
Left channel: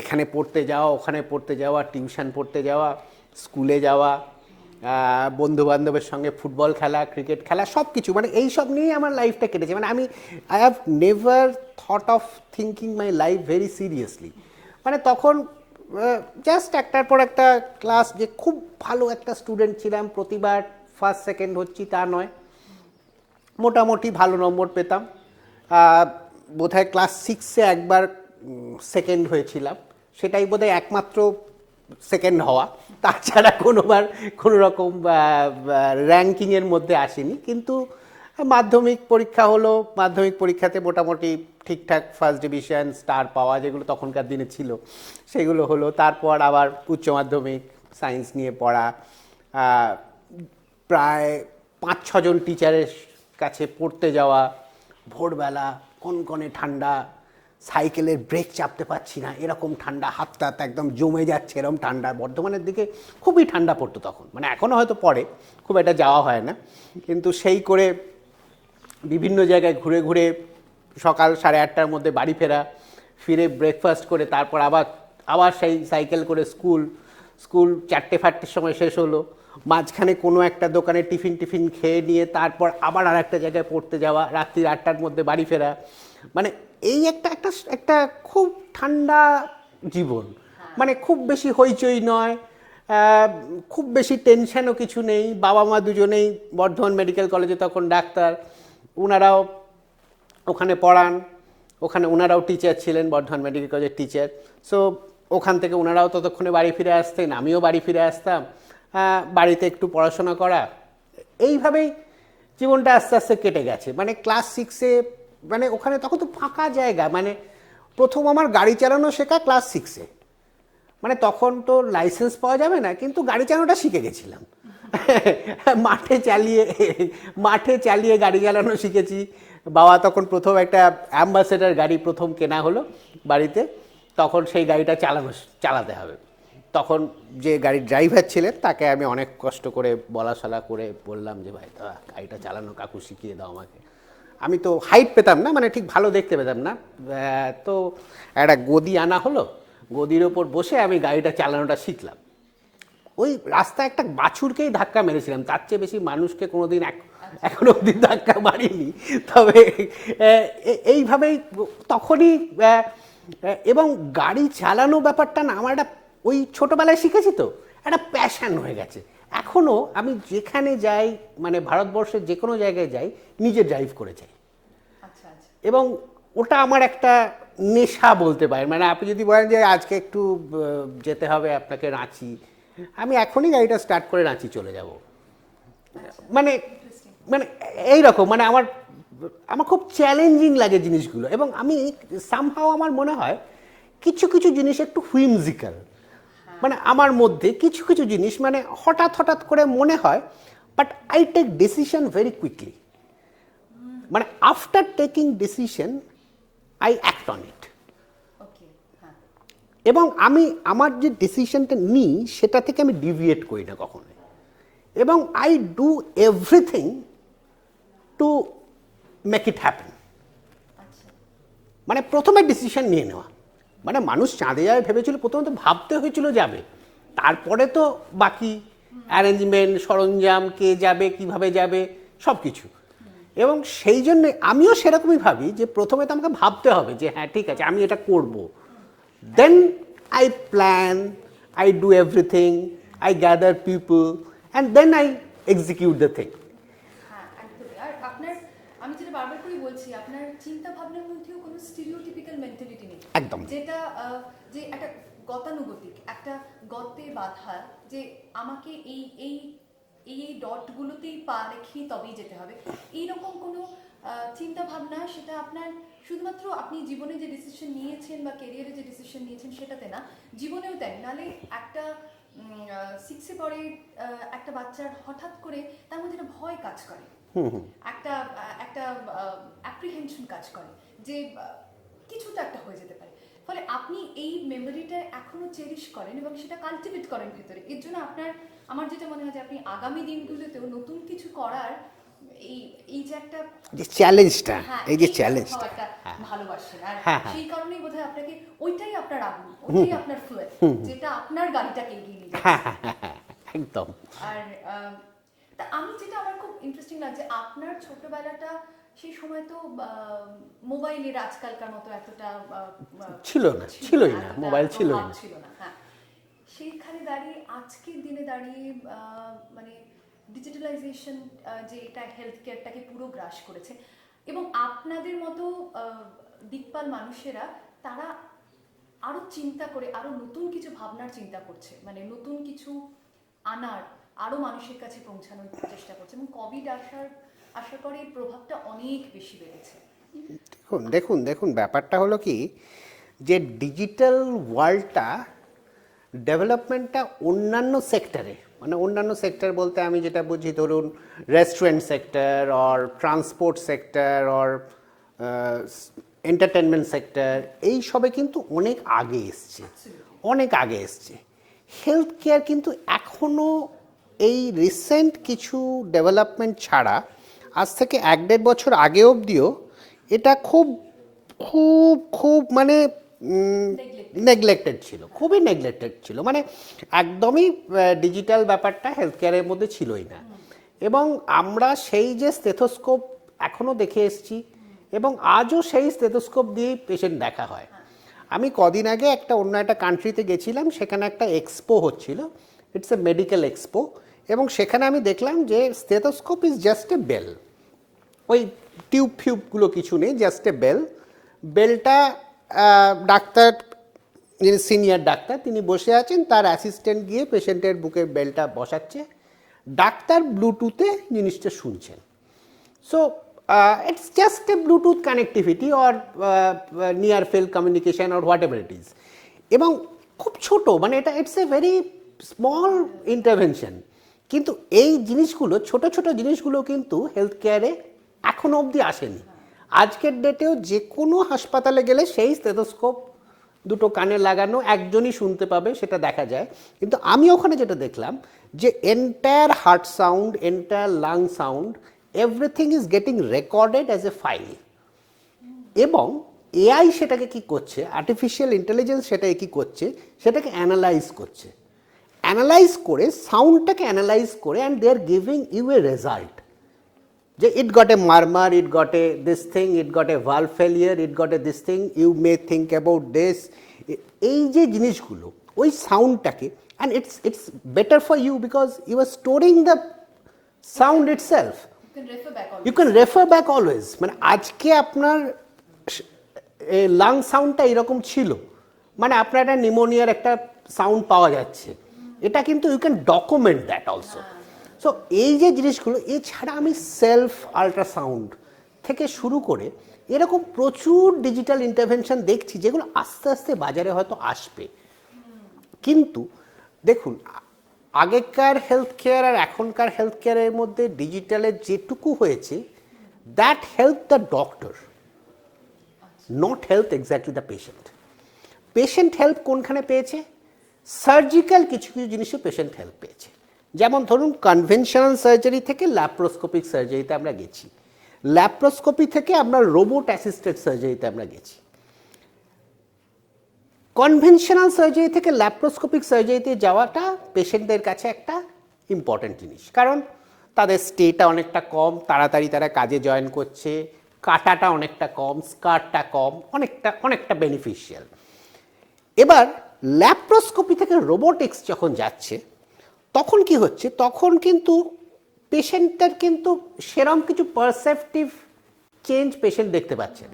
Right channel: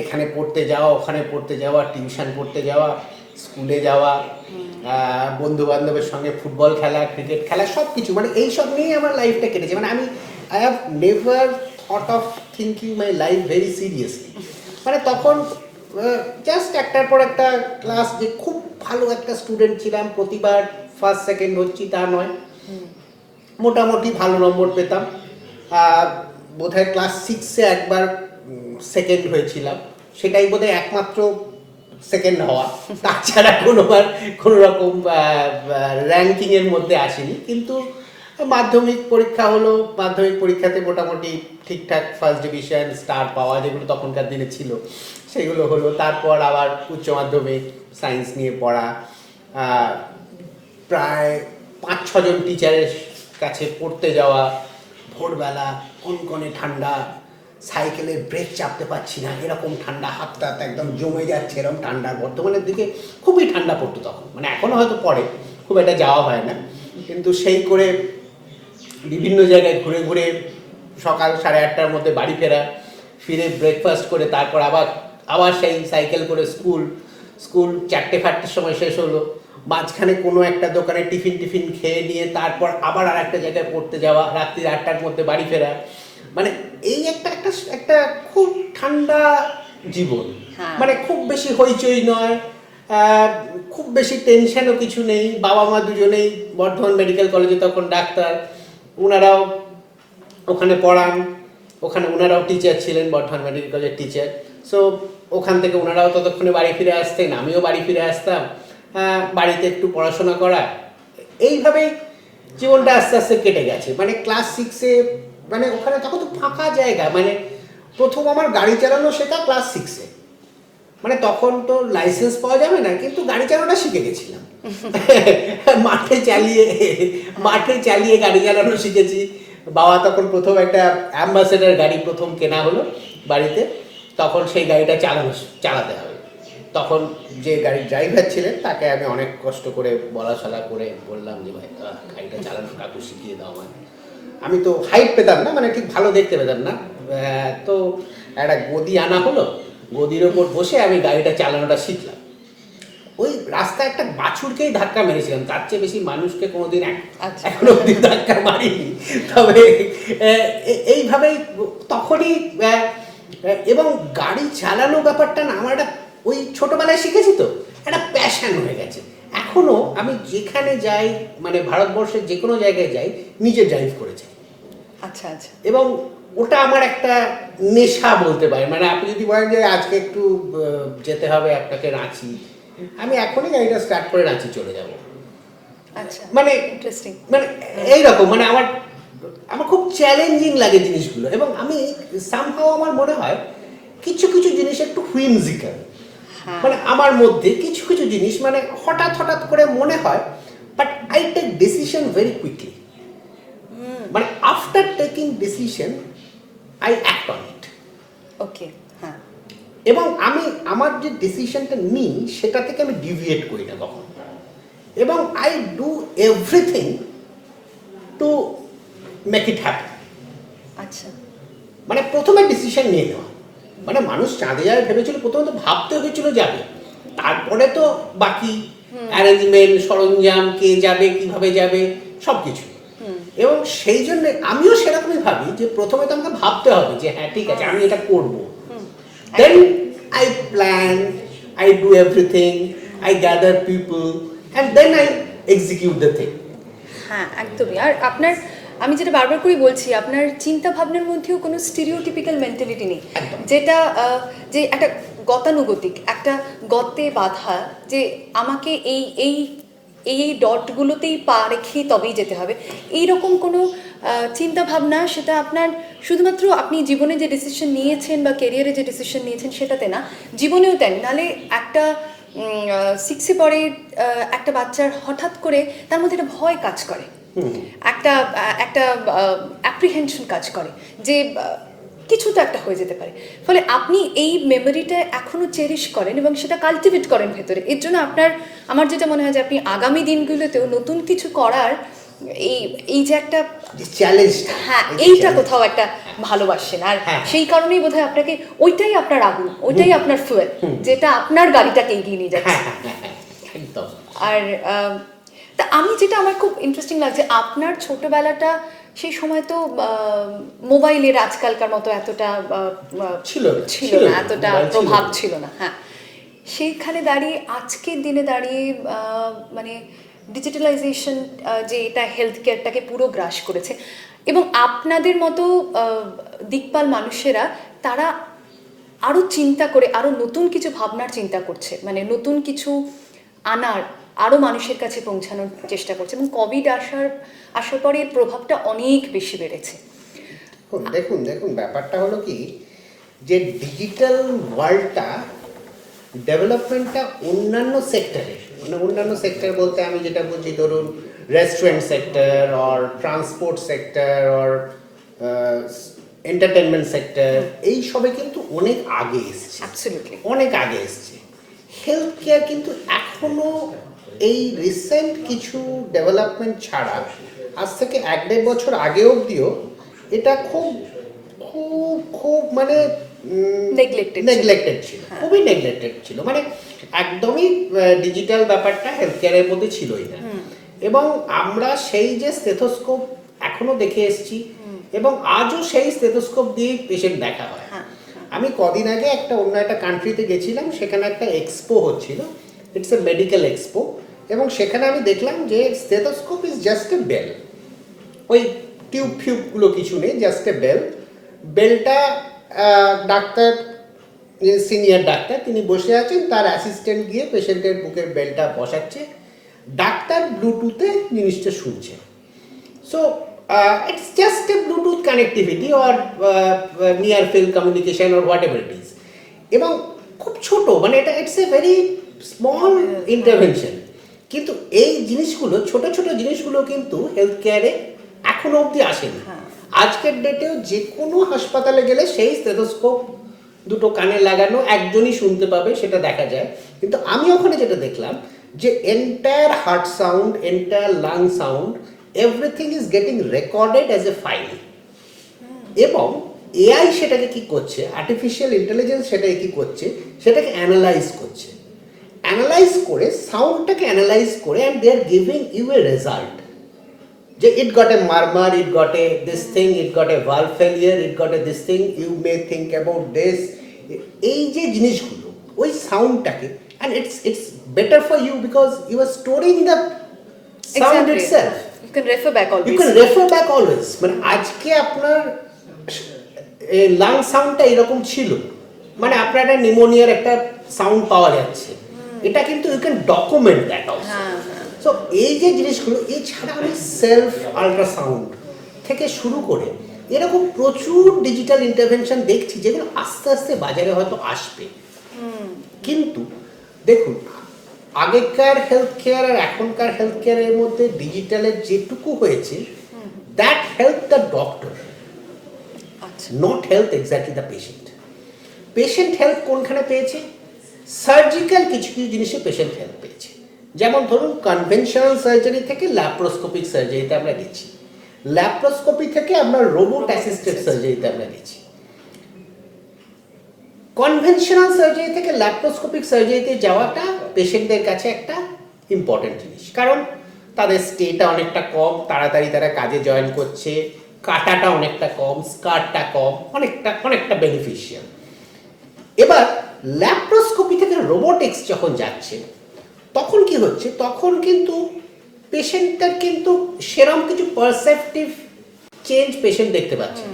এখানে পড়তে যাওয়া, ওখানে পড়তে যাওয়া, টিউশন পড়তে যাওয়া, স্কুলে যাওয়া, বন্ধু বান্ধবের সঙ্গে ফুটবল খেলা, ক্রিকেট খেলা, সব কিছু, মানে এইসব নিয়ে আমার লাইফটা কেটেছে। মানে I have never thought of thinking my life very seriously. মানে তখন জাস্ট একটার পর একটা ক্লাস, যে খুব ভালো একটা স্টুডেন্ট ছিলাম, প্রতিবার ফার্স্ট সেকেন্ড হচ্ছি তা নয়, মোটামুটি ভালো নম্বর পেতাম। বোধহয় ক্লাস 6-এ একবার সেকেন্ড হয়েছিলাম, সেটাই বোধহয় একমাত্র সেকেন্ড হওয়া, তাছাড়া কোনো রকম র্যাঙ্কিংয়ের মধ্যে আসেনি। কিন্তু মাধ্যমিক পরীক্ষা হলো, মাধ্যমিক পরীক্ষাতে মোটামুটি ঠিকঠাক ফার্স্ট ডিভিশন, স্টার পাওয়া, যেগুলো তখনকার দিনে ছিল সেগুলো হলো। তারপর আবার উচ্চ মাধ্যমিক, সায়েন্স নিয়ে পড়া, প্রায় 5-6 জন টিচারের কাছে পড়তে যাওয়া, ভোরবেলা কনকনে ঠান্ডা, সাইকেলের ব্রেক চাপতে পারছি না এরকম ঠান্ডা, হাতটা একদম জমে যাচ্ছে এরকম ঠান্ডা। বর্ধমানের দিকে খুবই ঠান্ডা পড়তো তখন, মানে এখনও হয়তো পড়ে, খুব একটা যাওয়া হয় না, কিন্তু সেই করে বিভিন্ন জায়গায় ঘুরে ঘুরে সকাল 8:30টার মধ্যে বাড়ি ফিরে ব্রেকফাস্ট করে তারপর আবার সেই সাইকেল করে স্কুল 4টে-5টের সময় শেষ হলো, মাঝখানে কোনো একটা দোকানে টিফিন খেয়ে নিয়ে তারপর আবার আর একটা জায়গায় পড়তে যাওয়া, রাত্রি 8টার মধ্যে বাড়ি ফেরা। মানে এই একটা খুব ঠান্ডা জীবন। মানে খুব বেশি হইচই নয়, খুব বেশি টেনশনও কিছু নেই। বাবা মা দুজনেই বর্ধমান মেডিকেল কলেজে তখন ডাক্তার, ওনারাও ওখানে পড়ান, ওখানে ওনারাও টিচার ছিলেন, বর্ধমান মেডিকেল কলেজের টিচার। সো ওখান থেকে ওনারাও ততক্ষণে বাড়ি ফিরে আসতেন, আমিও বাড়ি ফিরে আসতাম, বাড়িতে একটু পড়াশোনা করা, এইভাবেই জীবনটা আস্তে আস্তে কেটে গেছে। মানে ক্লাস 6-এ, মানে ওখানে তখন তো ফাঁকা জায়গা, মানে প্রথম আমার গাড়ি চালানো শেখা ক্লাস 6-এ। মানে তখন তো লাইসেন্স পাওয়া যাবে না, কিন্তু গাড়ি চালানোটা শিখে গেছিলাম। মাঠে চালিয়ে গাড়ি চালানো শিখেছি। বাবা তখন প্রথম একটা অ্যাম্বাসেডার গাড়ি প্রথম কেনা হলো বাড়িতে, তখন সেই গাড়িটা চালাতে হবে। তখন যে গাড়ির ড্রাইভার ছিলেন তাকে আমি অনেক কষ্ট করে বলাশালা করে বললাম যে ভাই গাড়িটা চালানো কাকু শিখিয়ে দাও আমাকে। আমি তো হাইট পেতাম না, মানে ঠিক ভালো দেখতে পেতাম না, তো একটা গদি আনা হলো, গদির ওপর বসে আমি গাড়িটা চালানোটা শিখলাম। ওই রাস্তায় একটা বাছুরকেই ধাক্কা মেরেছিলাম, তার চেয়ে বেশি মানুষকে কোনোদিন এখনো অব্দি ধাক্কা মারিনি। তবে এইভাবেই তখনই, এবং গাড়ি চালানো ব্যাপারটা না আমার একটা, ওই ছোটোবেলায় শিখেছি তো, একটা প্যাশন হয়ে গেছে। এখনও আমি যেখানে যাই, মানে ভারতবর্ষের যে কোনো জায়গায় যাই, নিজে ড্রাইভ করে যাই। আচ্ছা আচ্ছা। এবং ওটা আমার একটা নেশা বলতে পারেন। মানে আপনি যদি বলেন যে আজকে একটু যেতে হবে আপনাকে রাঁচি, আমি এখনই গাড়িটা স্টার্ট করে রাঁচি চলে যাব। আচ্ছা, মানে ইন্টারেস্টিং। মানে এইরকম, মানে আমার খুব চ্যালেঞ্জিং লাগে জিনিসগুলো। এবং আমি সামহাও আমার মনে হয় কিছু কিছু জিনিস একটু হুইমজিক্যাল, মানে আমার মধ্যে কিছু কিছু জিনিস মানে হঠাৎ করে মনে হয়, but I take decision very quickly. মানে after taking decision I act on it. Okay, হ্যাঁ। এবং আমি আমার যে ডিসিশনটা নিই সেটা থেকে আমি ডিভিয়েট করি না কখনো, এবং I do everything to make it happen. আচ্ছা, মানে প্রথমে ডিসিশন নিয়ে নেওয়া, মানে মানুষ চাঁদে যাবে ভেবেছিল, প্রথমে তো ভাবতে হয়েছিল যাবে, তারপরে তো বাকি অ্যারেঞ্জমেন্ট, সরঞ্জাম, কে যাবে, কিভাবে যাবে, সব কিছু। এবং সেই জন্য আমিও সেরকমই ভাবি যে প্রথমে তো আমাকে ভাবতে হবে যে হ্যাঁ ঠিক আছে আমি এটা করবো, then I plan, I do everything, I gather people, and then I execute the thing. হ্যাঁ একদমই। আর আপনার আমি যেটা বারবার করে বলছি, আপনার চিন্তা ভাবনার মধ্যেও কোনো স্টিরিওটিপিক্যাল মেন্টালিটি নেই, একদম। যেটা যে একটা গতানুগতিক, একটা গর্তে বাঁধা, যে আমাকে এই এই এই এই ডটগুলোতেই পা রেখে তবেই যেতে হবে, এইরকম কোনো চিন্তা ভাবনা, সেটা আপনার শুধুমাত্র আপনি জীবনে যে ডিসিশন নিয়েছেন বা কেরিয়ারে যে ডিসিশন নিয়েছেন সেটাতে না, জীবনেও তেন। নাহলে একটা 6-এ পড়ে একটা বাচ্চার হঠাৎ করে তার মধ্যে একটা ভয় কাজ করে, একটা একটা অ্যাপ্রিহেনশন কাজ করে যে কিছু তো একটা হয়ে যেতে পারে। ফলে আপনি এই মেমোরিটা এখনো চেরিশ করেন এবং সেটা কালটিভেট করেন ভেতরে। এর জন্য আমার যেটা মনে হয় যে আপনি আগামী দিনগুলোতেও নতুন কিছু করার এই এই যে একটা চ্যালেঞ্জটা, হ্যাঁ, এইটা কোথাও একটা ভালোবাসেন। আর সেই কারণেই বোধহয় আপনাকে ওইটাই আপনার আগুন, ওইটাই আপনার ফুয়েল, যেটা আপনার গাড়িটাকে এগিয়ে নিয়ে যাচ্ছে। একদম। আর তা আমি যেটা আমার খুব ইন্টারেস্টিং লাগছে, আপনার ছোটবেলাটা সেই সময় তো মোবাইলের আজকালকার মতো এতটা ছিল না, এতটা প্রভাব ছিল না। হ্যাঁ, সেইখানে দাঁড়িয়ে আজকের দিনে দাঁড়িয়ে মানে ডিজিটালাইজেশন যে এটা হেলথ কেয়ারটাকে পুরো গ্রাস করেছে, এবং আপনাদের মতো দিকপাল মানুষেরা তারা আরও চিন্তা করে, আরও নতুন কিছু ভাবনার চিন্তা করছে, মানে নতুন কিছু আনার, আরও মানুষের কাছে পৌঁছানোর চেষ্টা করছে, এবং কোভিড আসার পরে এর প্রভাবটা অনেক বেশি বেড়েছে। দেখুন দেখুন ব্যাপারটা হলো কি, যে ডিজিটাল ওয়ার্ল্ডটা ডেভেলপমেন্টটা অন্যান্য সেক্টরে, মানে অন্যান্য সেক্টর বলতে আমি যেটা বুঝি, ধরুন restaurant sector or transport sector or entertainment sector, এই সবে কিন্তু অনেক আগে এসছে, অনেক আগে এসছে। হেলথ কেয়ার কিন্তু এখনও এই রিসেন্ট কিছু ডেভেলপমেন্ট ছাড়া আজ থেকে 1-1.5 বছর আগে অবধিও এটা খুব খুব খুব মানে নেগলেক্টেড ছিল, খুবই নেগলেক্টেড ছিল, মানে একদমই ডিজিটাল ব্যাপারটা হেলথ কেয়ারের মধ্যে ছিলই না। এবং আমরা সেই যে স্টেথোস্কোপ এখনো দেখে এসেছি, এবং আজও সেই স্টেথোস্কোপ দিয়ে পেশেন্ট দেখা হয়। আমি কদিন আগে অন্য একটা কান্ট্রিতে গেছিলাম, সেখানে একটা এক্সপো হচ্ছিল, ইটস এ মেডিকেল এক্সপো, এবং সেখানে আমি দেখলাম যে stethoscope is just a bell, ওই টিউব ফিউবগুলো কিছু নেই, জাস্ট এ বেল। বেলটা ডাক্তার, যিনি সিনিয়র ডাক্তার, তিনি বসে আছেন, তার অ্যাসিস্ট্যান্ট গিয়ে পেশেন্টের বুকের বেলটা বসাচ্ছে, ডাক্তার ব্লুটুথে জিনিসটা শুনছে। So it's just a Bluetooth connectivity or near field communication or what ever it is, এবং খুব ছোট, মানে এটা it's a very small intervention. কিন্তু এই জিনিসগুলো, ছোট ছোট জিনিসগুলো কিন্তু হেলথ কেয়ারে এখনো অবধি আসেনি। আজকের ডেটেও যে কোনো হাসপাতালে গেলে সেই স্টেথোস্কোপ দুটো কানে লাগানো, একজনই শুনতে পাবে, সেটা দেখা যায়। কিন্তু আমি ওখানে যেটা দেখলাম, যে entire heart sound, entire lung sound, everything is getting recorded as a file. এবং এআই সেটাকে কি করছে, আর্টিফিশিয়াল ইন্টেলিজেন্স সেটাকে কি করছে, সেটাকে অ্যানালাইজ করছে, অ্যানালাইজ করে সাউন্ডটাকে অ্যানালাইজ করে, and they are giving you a result, যে it got a murmur, it got a this thing, it got a valve failure, it got a this thing, you may think about this. এই যে জিনিসগুলো, ওই সাউন্ডটাকে, and it's better for you because you are storing the sound itself. You can refer back always. You can refer back always. মানে আজকে আপনার lung সাউন্ডটা এরকম ছিল, মানে আপনার একটা নিউমোনিয়ার একটা সাউন্ড পাওয়া যাচ্ছে, এটা কিন্তু you can document that also. So এই যে জিনিসগুলো, এছাড়া আমি সেলফ আল্ট্রাসাউন্ড থেকে শুরু করে এরকম প্রচুর ডিজিটাল ইন্টারভেনশন দেখছি, যেগুলো আস্তে আস্তে বাজারে হয়তো আসবে। কিন্তু দেখুন, আগেকার হেলথ কেয়ার আর এখনকার হেলথ কেয়ারের মধ্যে ডিজিটালের যেটুকু হয়েছে, that help the doctor, not help exactly the patient. Patient help কোনখানে পেয়েছে? সার্জিক্যাল কিছু কিছু জিনিসে পেশেন্ট হেল্প পেয়েছে। যেমন ধরুন, কনভেনশনাল সার্জারি থেকে ল্যাপ্রোস্কোপিক সার্জারিতে আমরা গেছি, ল্যাপ্রোস্কোপি থেকে আমরা রোবট অ্যাসিস্টেড সার্জারিতে আমরা গেছি, কনভেনশনাল সার্জারি থেকে ল্যাপ্রোস্কোপিক সার্জারিতে যাওয়াটা পেশেন্টদের কাছে একটা ইম্পর্টেন্ট জিনিস, কারণ তাদের স্টেটা অনেকটা কম, তাড়াতাড়ি তারা কাজে জয়েন করছে, কাটাটা অনেকটা কম, স্কারটা কম, অনেকটা বেনিফিশিয়াল। এবার ল্যাপ্রোস্কোপি থেকে রোবোটিক্স যখন যাচ্ছে, তখন কি হচ্ছে, তখন কিন্তু পেশেন্টটার কিন্তু সেরম কিছু পারসেপটিভ চেঞ্জ পেশেন্ট দেখতে পাচ্ছেন।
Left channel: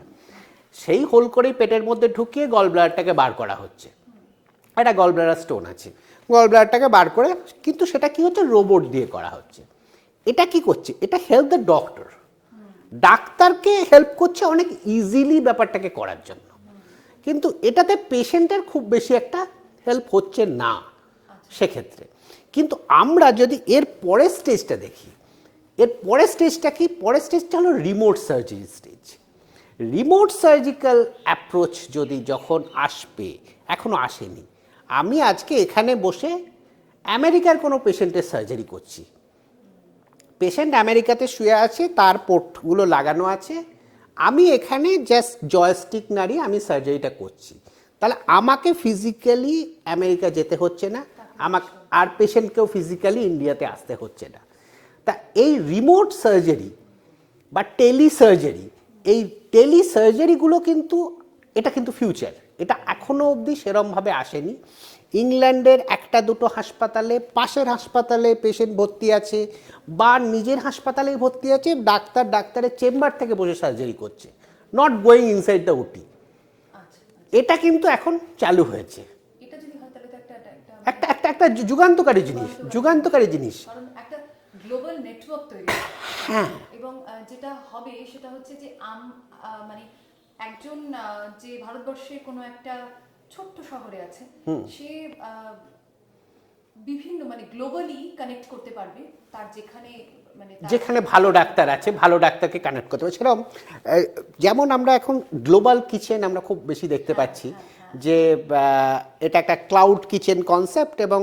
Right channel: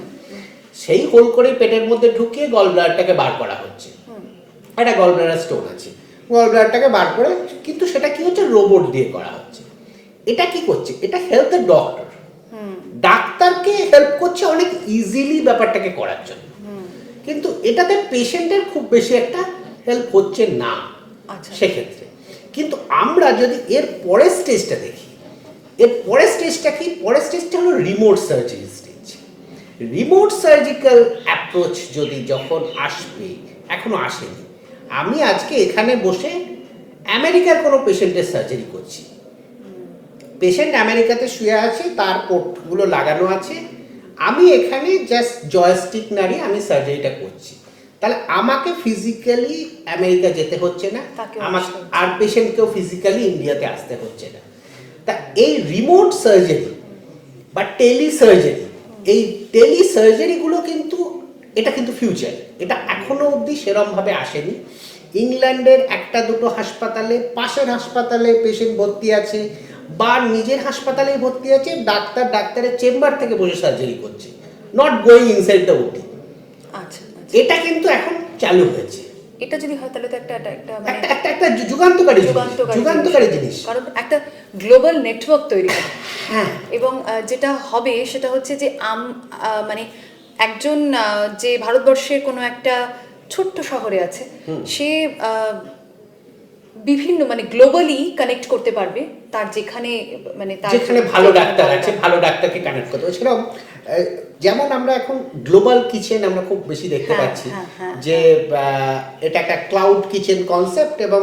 সেই হোল করে পেটের মধ্যে ঢুকিয়ে গল ব্লাডারটাকে বার করা হচ্ছে, একটা গল ব্লাডার স্টোন আছে, গল ব্লাডারটাকে বার করে, কিন্তু সেটা কি হচ্ছে, রোবট দিয়ে করা হচ্ছে। এটা কি করছে, এটা হেল্প দ্য ডক্টর, ডাক্তারকে হেল্প করছে অনেক ইজিলি ব্যাপারটাকে করার জন্য, কিন্তু এটাতে পেশেন্টের খুব বেশি একটা হেল্প হচ্ছে না সেক্ষেত্রে। কিন্তু আমরা যদি এর পরের স্টেজটা দেখি, এর পরের স্টেজটা কি, পরের স্টেজটা হলো remote surgery stage. Remote surgical approach যদি যখন আসবে, এখনো আসেনি। আমি আজকে এখানে বসে আমেরিকার কোনো পেশেন্টের সার্জারি করছি, পেশেন্ট আমেরিকাতে শুয়ে আছে, তার পোর্টগুলো লাগানো আছে, আমি এখানে জাস্ট জয়স্টিক নাড়িয়ে আমি সার্জারিটা করছি, তাহলে আমাকে ফিজিক্যালি আমেরিকা যেতে হচ্ছে না, আমাকে আর পেশেন্টকেও ফিজিক্যালি ইন্ডিয়াতে আসতে হচ্ছে না। তা এই রিমোট সার্জারি বা টেলি সার্জারি, এই টেলি সার্জারিগুলো কিন্তু এটা কিন্তু ফিউচার, এটা এখনো অবধি সেরমভাবে আসেনি। ইংল্যান্ডের একটা দুটো হাসপাতালে, পাশের হাসপাতালে পেশেন্ট ভর্তি আছে বা নিজের হাসপাতালে ভর্তি আছে, ডাক্তারের চেম্বার থেকে বসে সার্জারি করছে, নট গোয়িং ইনসাইড দ্য ওটি। আচ্ছা, এটা কিন্তু এখন চালু হয়েছে। এটা যদি হয় তাহলে তো একটা একটা যুগান্তকারী জিনিস, কারণ একটা গ্লোবাল নেটওয়ার্ক তৈরি হবে। হ্যাঁ, এবং যেটা হবে সেটা হচ্ছে যে মানে একজন যে ভারতবর্ষের কোনো একটা ছোট্ট শহরে আছে, সে বিভিন্ন মানে গ্লোবালি কানেক্ট করতে পারবে, তার যেখানে মানে তার যেখানে ভালো ডাক্তার আছে, ভালো ডাক্তারকে কানেক্ট করতে হবে। সেরকম যেমন আমরা এখন গ্লোবাল কিচেন আমরা খুব বেশি দেখতে পাচ্ছি, যে এটা একটা ক্লাউড কিচেন কনসেপ্ট, এবং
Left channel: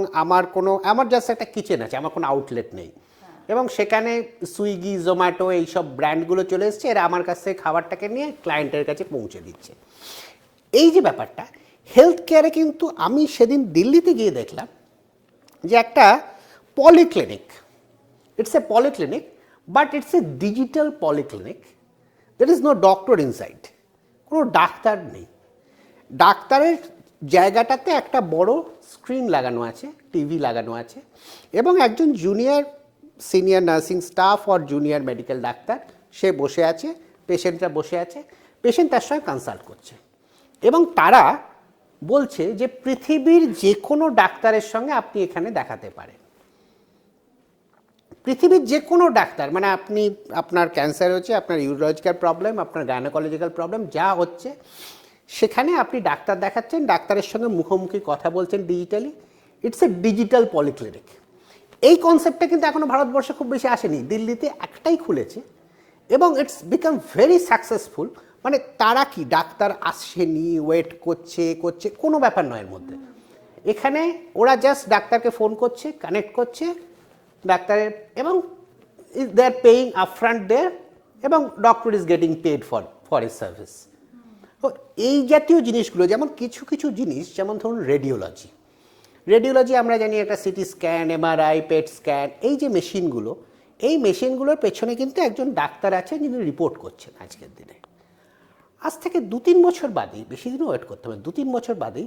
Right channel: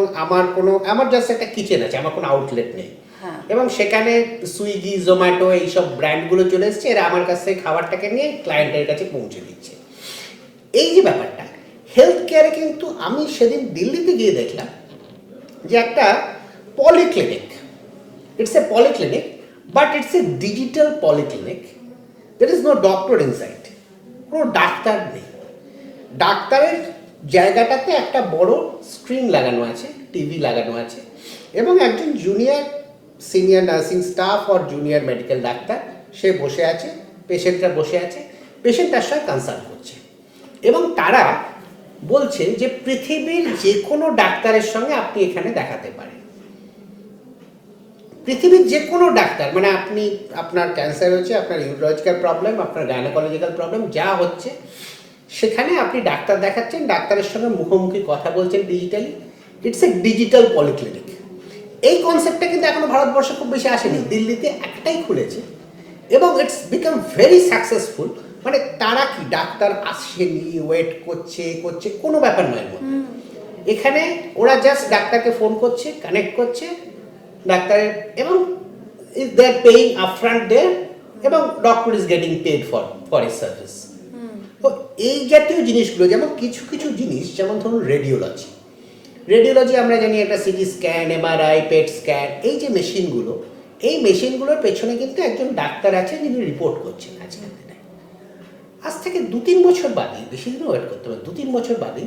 আমার জাস্ট একটা কিচেন আছে, আমার কোনো আউটলেট নেই, এবং সেখানে সুইগি, জোম্যাটো এইসব ব্র্যান্ডগুলো চলে এসছে, এরা আমার কাছ থেকে খাবারটাকে নিয়ে ক্লায়েন্টের কাছে পৌঁছে দিচ্ছে। এই যে ব্যাপারটা হেলথ কেয়ারে, কিন্তু আমি সেদিন দিল্লিতে গিয়ে দেখলাম যে একটা polyclinic, it's a polyclinic, but it's a digital polyclinic, there is no doctor inside, কোনো ডাক্তার নেই, ডাক্তারের জায়গাটাতে একটা বড় স্ক্রিন লাগানো আছে, টিভি লাগানো আছে, এবং একজন সিনিয়র নার্সিং স্টাফ আর জুনিয়র মেডিকেল ডাক্তার সে বসে আছে, পেশেন্টরা বসে আছে, পেশেন্ট তার সঙ্গে কনসাল্ট করছে, এবং তারা বলছে যে পৃথিবীর যে কোনো ডাক্তারের সঙ্গে আপনি এখানে দেখাতে পারেন, পৃথিবীর যে কোনো ডাক্তার, মানে আপনার ক্যান্সার হচ্ছে, আপনার ইউরোলজিক্যাল প্রবলেম, আপনার গাইনোকোলজিক্যাল প্রবলেম যা হচ্ছে, সেখানে আপনি ডাক্তার দেখাচ্ছেন, ডাক্তারের সঙ্গে মুখোমুখি কথা বলছেন digitally. It's a digital polyclinic. এই কনসেপ্টটা কিন্তু এখনো ভারতবর্ষে খুব বেশি আসেনি, দিল্লিতে একটাই খুলেছে, এবং ইটস বিকাম ভেরি সাকসেসফুল। মানে তারা কি, ডাক্তার আসেনি, ওয়েট করছে কোনো ব্যাপার নয় এর মধ্যে, এখানে ওরা জাস্ট ডাক্তারকে ফোন করছে, কানেক্ট করছে ডাক্তারের, এবং দে আর পেইং আপফ্রন্ট দেয়ার, এবং doctor is getting paid for a service. তো এই জাতীয় জিনিসগুলো, যেমন কিছু জিনিস, যেমন ধরুন রেডিওলজি আমরা জানি, একটা CT scan, MRI, PET scan, এই যে মেশিনগুলো, এই মেশিনগুলোর পেছনে কিন্তু একজন ডাক্তার আছে যিনি রিপোর্ট করছেন। আজকের দিনে আজ থেকে 2-3 বছর বাদে, বেশি দিনও ওয়েট করতে হবে, 2-3 বছর বাদে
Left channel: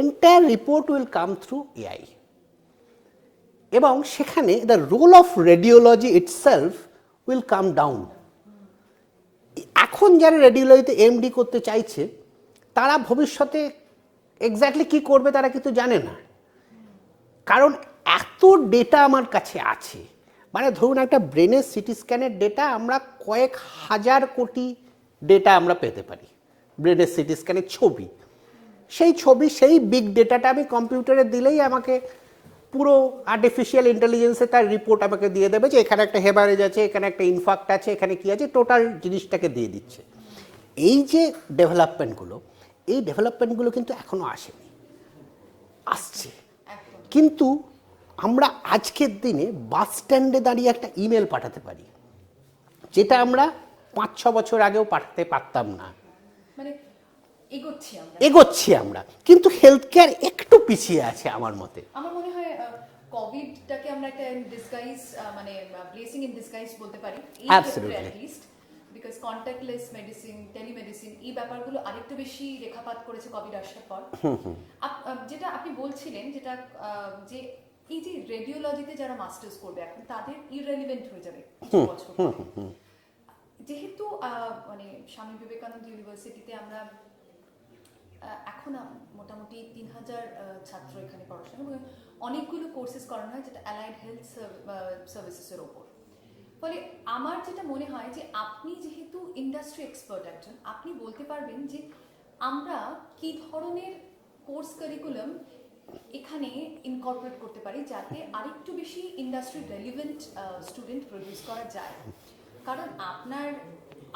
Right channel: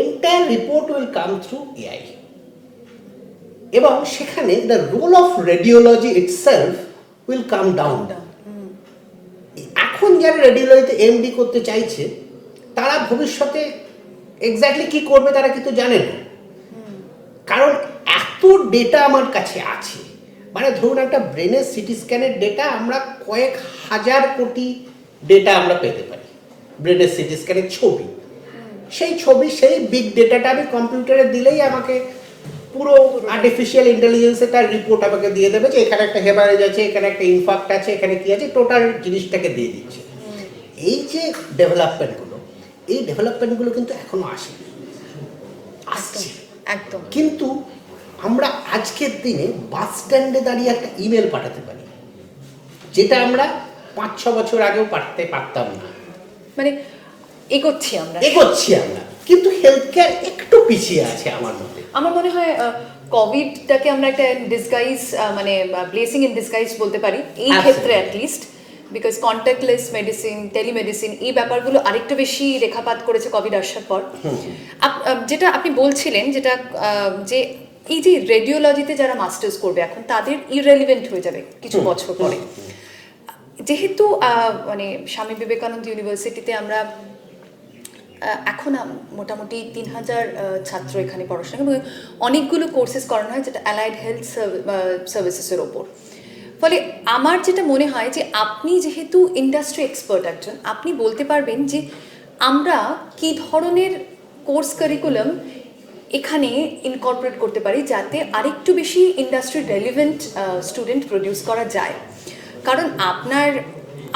entire report will come through AI, এবং সেখানে the role of radiology itself will come down. এখন যারা রেডিওলজিতে এমডি করতে চাইছে, তারা ভবিষ্যতে এক্স্যাক্টলি কি করবে তারা কিন্তু জানে না, কারণ এত ডেটা আমার কাছে আছে। মানে ধরুন একটা ব্রেনের সিটি স্ক্যানের ডেটা, আমরা কয়েক হাজার কোটি ডেটা আমরা পেতে পারি, ব্রেনের সিটি স্ক্যানের ছবি, সেই বিগ ডেটাটা আমি কম্পিউটারে দিলেই আমাকে পুরো আর্টিফিশিয়াল ইন্টেলিজেন্সে তার রিপোর্ট আমাকে দিয়ে দেবে, যে এখানে একটা হেমারেজ আছে, এখানে একটা ইনফাক্ট আছে, এখানে কি আছে, টোটাল জিনিসটাকে দিয়ে দিচ্ছে। এই যে ডেভেলপমেন্টগুলো কিন্তু এখনো আসছে একদম। কিন্তু আমরা আজকের দিনে বাস স্ট্যান্ডে দাঁড়িয়ে একটা ইমেল পাঠাতে পারি, যেটা আমরা 5-6 বছর আগেও পাঠাতে পারতাম না। মানে এগোচ্ছি আমরা, কিন্তু হেলথ কেয়ার একটু পিছিয়ে আছে আমার মতে। আমার মনে হয় কোভিডটাকে আমরা একটা ডিসগাইজ, মানে ব্লেসিং ইন ডিসগাইজ বলতে পারি এই ক্ষেত্রে, at least because contactless medicine, telemedicine, এই ব্যাপারগুলো আরেকটু বেশি রেখাপাত করেছে কোভিড আসার পর। যেটা আপনি বলছিলেন, যেটা যে এই যে রেডিওলজিতে যারা মাস্টার্স করবে এখন, তাদের ইররেলিভেন্ট হয়ে যাবে কিছু বছর পরে। যেহেতু মানে স্বামী বিবেকানন্দ ইউনিভার্সিটিতে আমরা এখন মোটামুটি 3,000 ছাত্র এখানে পড়াশোনা এবং অনেকগুলো কোর্সেস করানো হয় যেটা অ্যালাইড হেলথ সার্ভিসেসের ওপর। ফলে আমার যেটা মনে হয় যে আপনি যেহেতু ইন্ডাস্ট্রি এক্সপার্ট একজন, আপনি বলতে পারবেন যে আমরা কী ধরনের কোর্স কারিকুলাম এখানে ইনকর্পোরেট করতে পারি যাতে আরেকটু বেশি ইন্ডাস্ট্রি রেলিভেন্ট স্টুডেন্ট প্রডিউস করা যায়। কারণ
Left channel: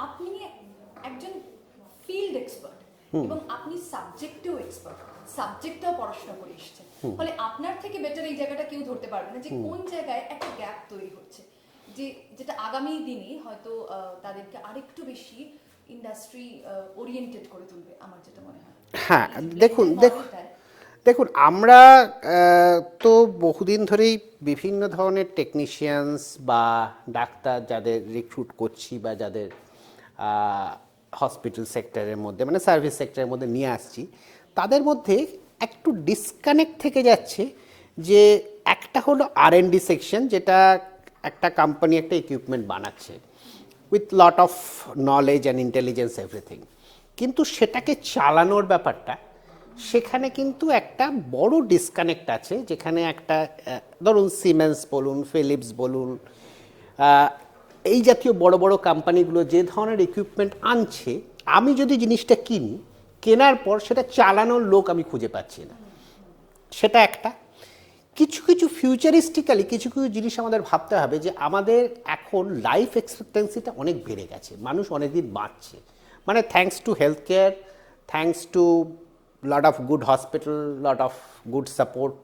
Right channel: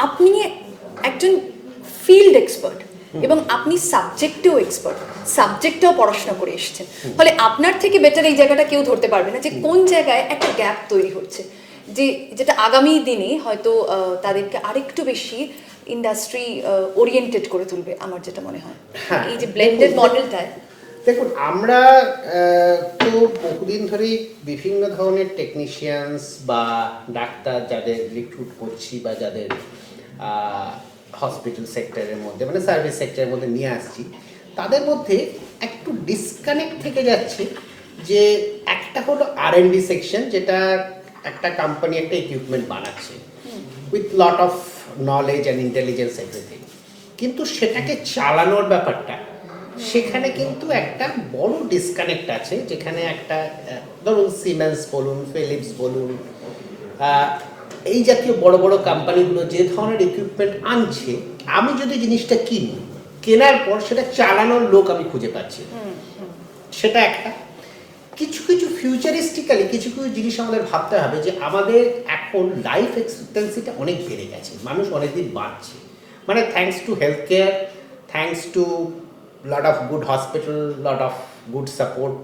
আপনি একজন ফিল্ড এক্সপার্ট এবং আপনি সাবজেক্টেও এক্সপার্ট, সাবজেক্টেও পড়াশোনা করে এসেছেন। ফলে আপনার থেকে বেটার এই জায়গাটা কেউ ধরতে পারবে না যে কোন জায়গায় একটা গ্যাপ তৈরি হচ্ছে, যেটা আগামী দিনে হয়তো তাদেরকে আরেকটু বেশি ইন্ডাস্ট্রি ওরিয়েন্টেড করে তুলবে, আমার যেটা মনে হয়। এই যে ব্লেন্ডেড মডেলটায় দেখুন, আমরা তো বহুদিন ধরেই বিভিন্ন ধরনের টেকনিশিয়ানস বা ডাক্তার যাদের রিক্রুট করছি বা যাদের হসপিটাল সেক্টরের মধ্যে মানে সার্ভিস সেক্টরের মধ্যে নিয়ে আসছি, তাদের মধ্যে একটু ডিসকানেক্ট থেকে যাচ্ছে। যে একটা হলো R&D সেকশন, যেটা একটা কোম্পানি একটা ইকুইপমেন্ট বানাচ্ছে with lot of knowledge and intelligence everything, কিন্তু সেটাকে চালানোর ব্যাপারটা সেখানে কিন্তু একটা বড় ডিসকানেক্ট আছে। যেখানে একটা ধরুন সিমেন্স বলুন, ফিলিপস বলুন, এই জাতীয় বড় বড় কোম্পানিগুলো যে ধরনের ইকুইপমেন্ট আনছে, আমি যদি জিনিসটা কিনি, কেনার পর সেটা চালানোর লোক আমি খুঁজে পাচ্ছি, সেটা একটা। কিছু কিছু ফিউচারিস্টিক্যালি কিছু কিছু জিনিস আমাদের ভাবতে হবে যে আমাদের এখন লাইফ এক্সপেক্টেন্সিটা অনেক বেড়ে গেছে, মানুষ অনেকদিন বাঁচছে, মানে thanks to health care, thanks to lot of good hospital, lot of good support,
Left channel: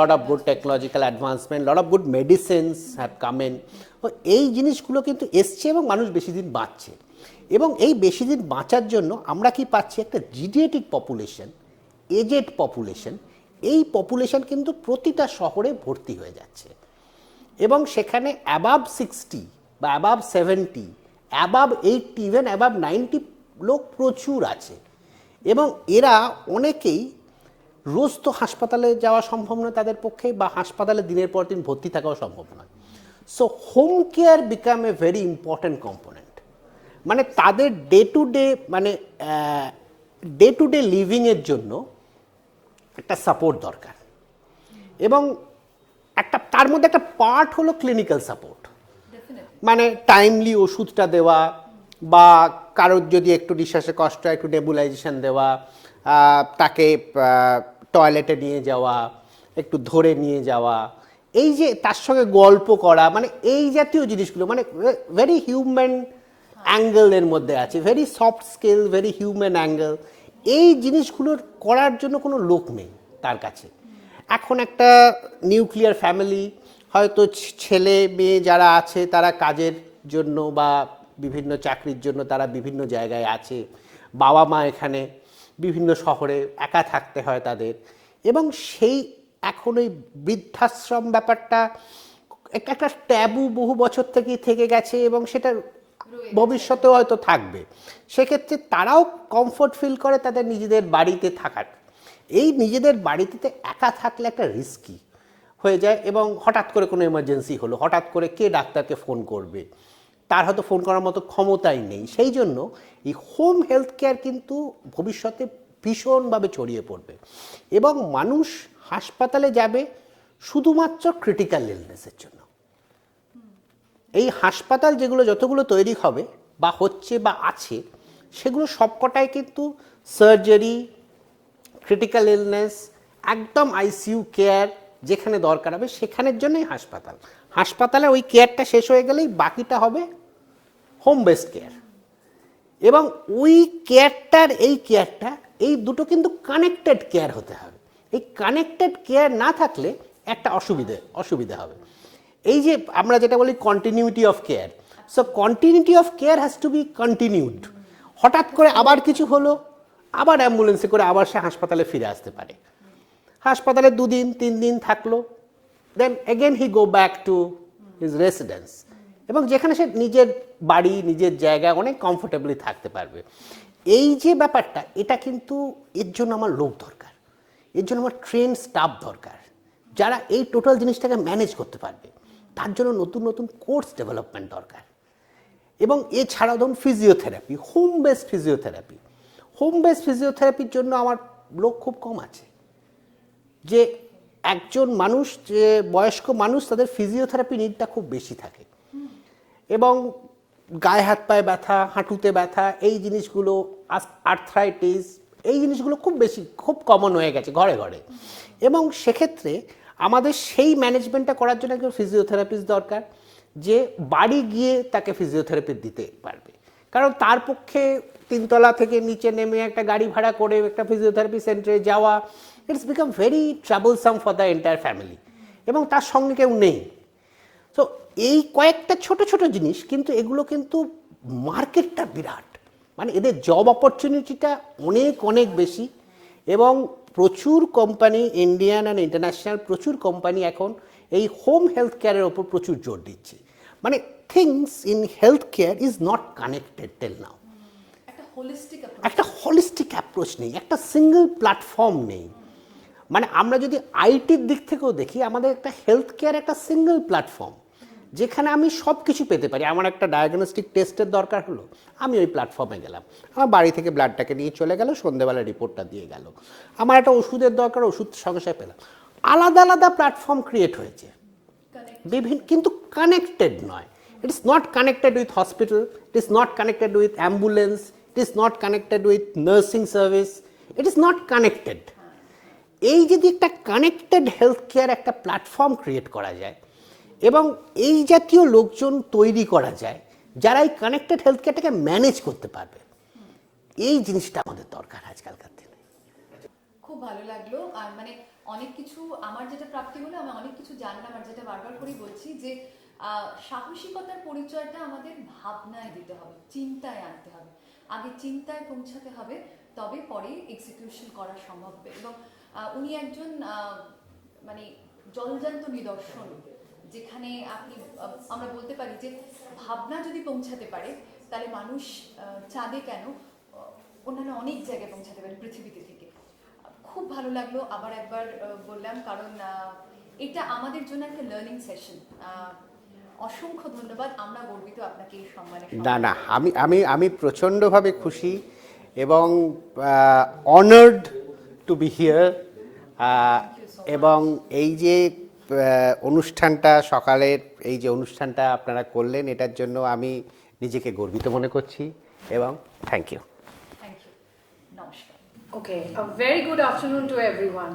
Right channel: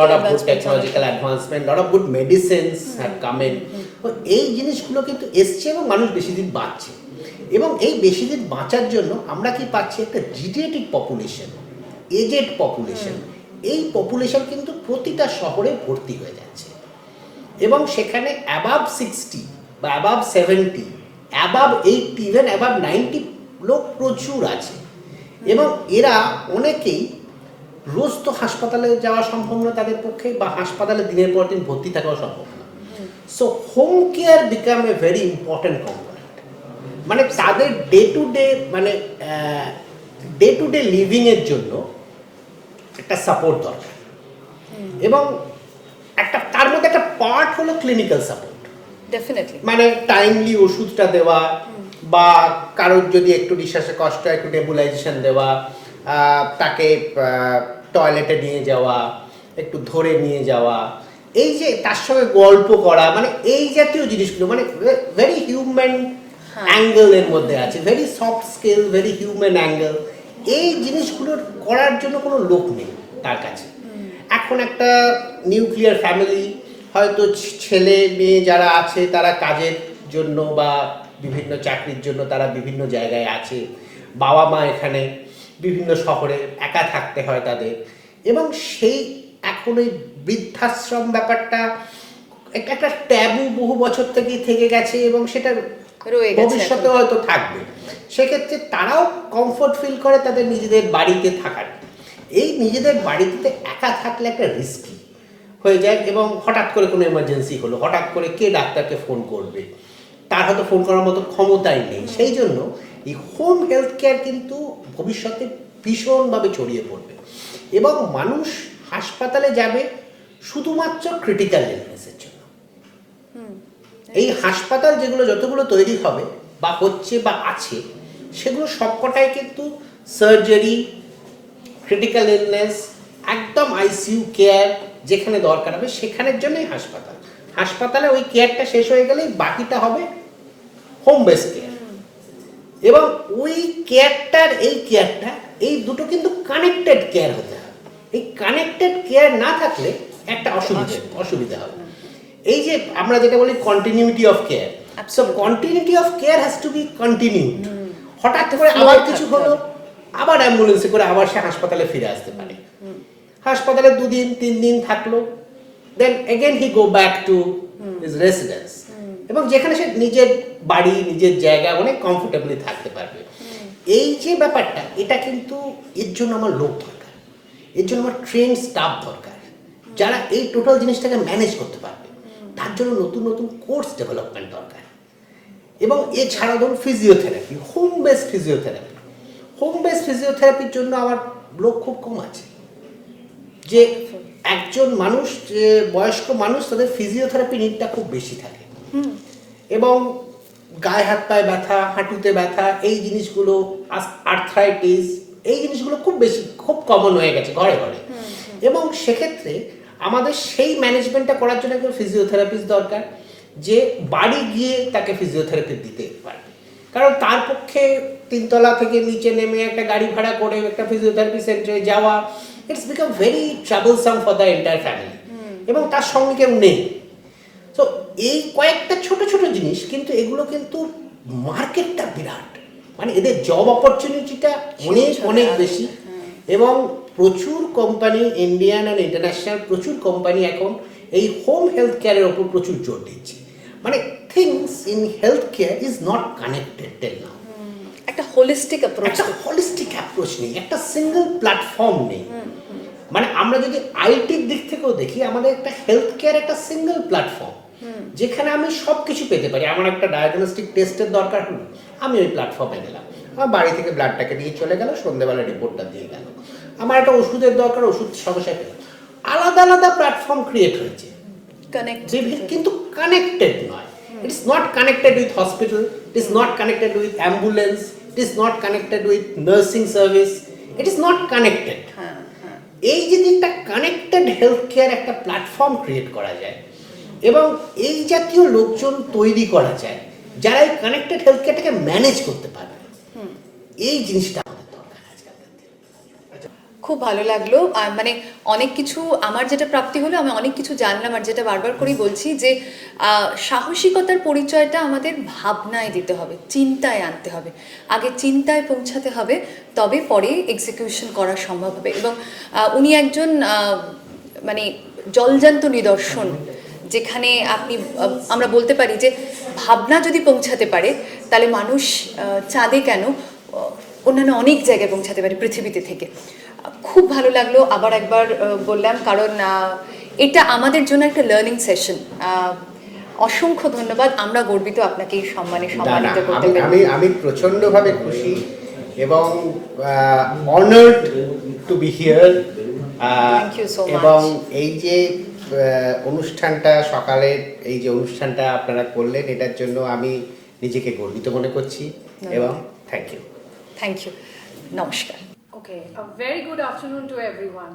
lot of good technological advancement, lot of good medicines have come in. এই জিনিসগুলো কিন্তু এসছে এবং মানুষ বেশি দিন বাঁচছে, এবং এই বেশি দিন বাঁচার জন্য আমরা কি পাচ্ছি, একটা জিডিয়েটিক পপুলেশন, এজেড পপুলেশন। এই পপুলেশন কিন্তু প্রতিটা শহরে ভর্তি হয়ে যাচ্ছে, এবং সেখানে অ্যাবাভ 60 বা অ্যাবাভ 70, অ্যাবাভ 80, ইভেন অ্যাবাভ 90 লোক প্রচুর আছে। এবং এরা অনেকেই রোজ তো হাসপাতালে যাওয়া সম্ভব না তাদের পক্ষে, বা হাসপাতালে দিনের পর দিন ভর্তি থাকাও সম্ভব না। So home care become a very important component, মানে তাদের ডে টু ডে লিভিংয়ের জন্য একটা সাপোর্ট দরকার। এবং একটা তার মধ্যে একটা পার্ট হলো ক্লিনিক্যাল সাপোর্ট, ডেফিনেটলি, মানে টাইমলি ওষুধটা দেওয়া, বা কারোর যদি একটু নিঃশ্বাসে কষ্ট একটু নেবুলাইজেশন দেওয়া, তাকে টয়লেটে নিয়ে যাওয়া, একটু ধরে নিয়ে যাওয়া, এই যে তার সঙ্গে গল্প করা, মানে এই জাতীয় জিনিসগুলো মানে ভেরি হিউম্যান অ্যাঙ্গেলের মধ্যে আছে, very soft skill, very human angle. এই জিনিসগুলো করার জন্য কোনো লোক নেই তার কাছে। এখন একটা নিউক্লিয়ার ফ্যামিলি, হয়তো ছেলে মেয়ে যারা আছে তারা কাজের জন্য বা বিভিন্ন চাকরির জন্য তারা বিভিন্ন জায়গায় আছে, বাবা মা এখানে বিভিন্ন শহরে, একা থাকতে হয় তাদের। এবং সেই এখন ওই বৃদ্ধাশ্রম ব্যাপারটা একটা ট্যাবু বহু বছর থেকেই থেকে গেছে, এবং সেটা ভবিষ্যতে হয়তো থাকবে। সেক্ষেত্রে তারাও কমফোর্ট ফিল করে তাদের নিজেদের বাড়িতে থাকার। এই নিজেদের বাড়িতে একা থাকলে একটা রিস্কি হয়ে যায়, এবং হঠাৎ করে কোনো এমার্জেন্সি হলো, হঠাৎ করে কে ডাক্তারকে ফোন করবে, তার হয়তো ফোন করার মতো ক্ষমতাই নেই। সেই জন্য এই হোম হেলথ কেয়ার কিন্তু ভবিষ্যতে ভীষণভাবে ছড়িয়ে পড়বে, এবং মানুষ হাসপাতালে যাবে শুধুমাত্র ক্রিটিক্যাল ইলনেসের জন্য। এই হাসপাতাল যেগুলো যতগুলো তৈরি হবে বা হচ্ছে বা আছে, সেগুলো সবকটাই কিন্তু সার্জারি, ক্রিটিক্যাল ইলনেস, একদম আইসিইউ কেয়ার যেখানে দরকার হবে সেখানের জন্যই হাসপাতাল। হাসপাতালে ওই কেয়ারটা শেষ হয়ে গেলেই বাকিটা হবে হোম বেস কেয়ার। এবং ওই কেয়ারটার এই দুটো কিন্তু কানেক্টেড কেয়ার হতে হবে। এই কানেক্টেড কেয়ার না থাকলে একটা অসুবিধা হবে। এই যে আমরা যেটা বলি continuity of care, so continuity of care has to be continued. হঠাৎ করে আবার কিছু হলো, আবার অ্যাম্বুলেন্সে করে আবার সে হাসপাতালে ফিরে আসতে পারে। হাসপাতালে 2 দিন 3 দিন থাকলো, then again he go back to his residence, এবং যেখানে সে নিজের বাড়ি নিজের জায়গা অনেক কমফোর্টেবলি থাকতে পারবে। এই যে ব্যাপারটা, এটা কিন্তু এর জন্য আমার লোক দরকার, এর জন্য আমার ট্রেন স্টাফ দরকার যারা এই টোটাল জিনিসটাকে ম্যানেজ করতে পারবে। তার জন্য নতুন নতুন কোর্স ডেভেলপমেন্ট দরকার। এবং এছাড়া ধরুন physiotherapy, home based physiotherapy. Home based ফিজিওথেরাপির জন্য আমার লোক খুব কম আছে। যে একজন মানুষ, যে বয়স্ক মানুষ, তাদের ফিজিওথেরাপি নিডটা খুব বেশি থাকে এবং গায়ে হাত পায়ে ব্যথা, হাঁটুতে ব্যথা, এই জিনিসগুলো, আর্থ্রাইটিস, এই জিনিসগুলো খুব বেশি, খুব কমন হয়ে গেছে ঘরে ঘরে। এবং সেক্ষেত্রে আমাদের সেই ম্যানেজমেন্টটা করার জন্য একজন ফিজিওথেরাপিস্ট দরকার, যে বাড়ি গিয়ে তাকে ফিজিওথেরাপি দিতে পারবে। কারণ তার পক্ষে 3 তলা থেকে নিচে নেমে একটা গাড়ি ভাড়া করে একটা ফিজিওথেরাপি সেন্টারে যাওয়া, it's become very troublesome for the entire family, এবং তার সঙ্গে কেউ নেই। তো এই কয়েকটা ছোট ছোট জিনিস, কিন্তু এগুলো কিন্তু মার্কেটটা বিরাট, মানে এদের জব অপরচুনিটিটা অনেক অনেক বেশি। এবং প্রচুর কোম্পানি, ইন্ডিয়ান অ্যান্ড ইন্টারন্যাশনাল প্রচুর কোম্পানি এখন এই হোম হেলথ কেয়ারের ওপর প্রচুর জোর দিচ্ছে। মানে things in health care is not connected till now. একটা হোলিস্টিক অ্যাপ্রোচ, একটা হোলিস্টিক অ্যাপ্রোচ নেই, একটা সিঙ্গেল প্ল্যাটফর্ম নেই। মানে আমরা যদি আইটির দিক থেকেও দেখি, আমাদের একটা হেলথ কেয়ার একটা সিঙ্গেল প্ল্যাটফর্ম, যেখানে আমি সব কিছু পেতে পারি। আমার একটা ডায়াগনস্টিক টেস্টের দরকার হলো, আমি ওই প্ল্যাটফর্মে গেলাম, আমার বাড়ি থেকে ব্লাডটাকে নিয়ে চলে গেল, সন্ধ্যেবেলা রিপোর্টটা দিয়ে গেল। আমার একটা ওষুধের দরকার, ওষুধ সঙ্গে পেলাম। আলাদা আলাদা প্ল্যাটফর্ম ক্রিয়েট হয়েছে, কিন্তু কানেক্টেড নয়। It is not connected with hospital, it is not connected with ambulance, it is not connected with nursing service, it is not connected. এই যদি একটা কানেক্টেড হেলথ কেয়ার একটা প্ল্যাটফর্ম ক্রিয়েট করা যায় এবং এই জাতীয় লোকজন তৈরি করা যায় যারা এই কানেক্টেড হেলথ কেয়ারটাকে ম্যানেজ করতে পারবে, এই জিনিসটা আমাদের দরকার আজকালকার দিনে। খুব ভালো লাগলো। মানে অনেক কিছু আমার যেটা প্রাপ্তি হলো, আমি অনেক কিছু জানলাম। আর যেটা বারবার করেই বলছি যে সাহসিকতার পরিচয়টা আমাদের ভাবনায় দিতে হবে, চিন্তায় আনতে হবে। আগে চিন্তায় পৌঁছাতে হবে, তবে পরে এক্সিকিউশন করা সম্ভব হবে। এবং উনি একজন মানে জলজান্ত নিদর্শন, যেখানে আপনি আমরা বলতে পারি যে ভাবনা যদি পৌঁছাতে পারে, তাহলে মানুষ চাঁদে কেন, অন্যান্য অনেক জায়গায় পৌঁছাতে পারে পৃথিবীতে থেকে। খুব ভালো লাগলো, আবার একবার বললাম, কারণ এটা আমাদের জন্য একটা লার্নিং সেশন। অসংখ্য ধন্যবাদ, আমরা গর্বিত আপনাকে এই সম্মানে সম্মানিত করতে পেরে। আমি প্রচণ্ডভাবে খুশি এবং অনার্ড টু বি হিয়ার। এবং এই যে অনুষ্ঠানটা, সকালের এই যে অনুষ্ঠানটা আপনারা করলেন, এটার জন্য আমি নিজেকে গর্বিত মনে করছি এবং থ্যাংক ইউ। থ্যাংক ইউ, নমস্কার। Okay, a very good afternoon to everyone.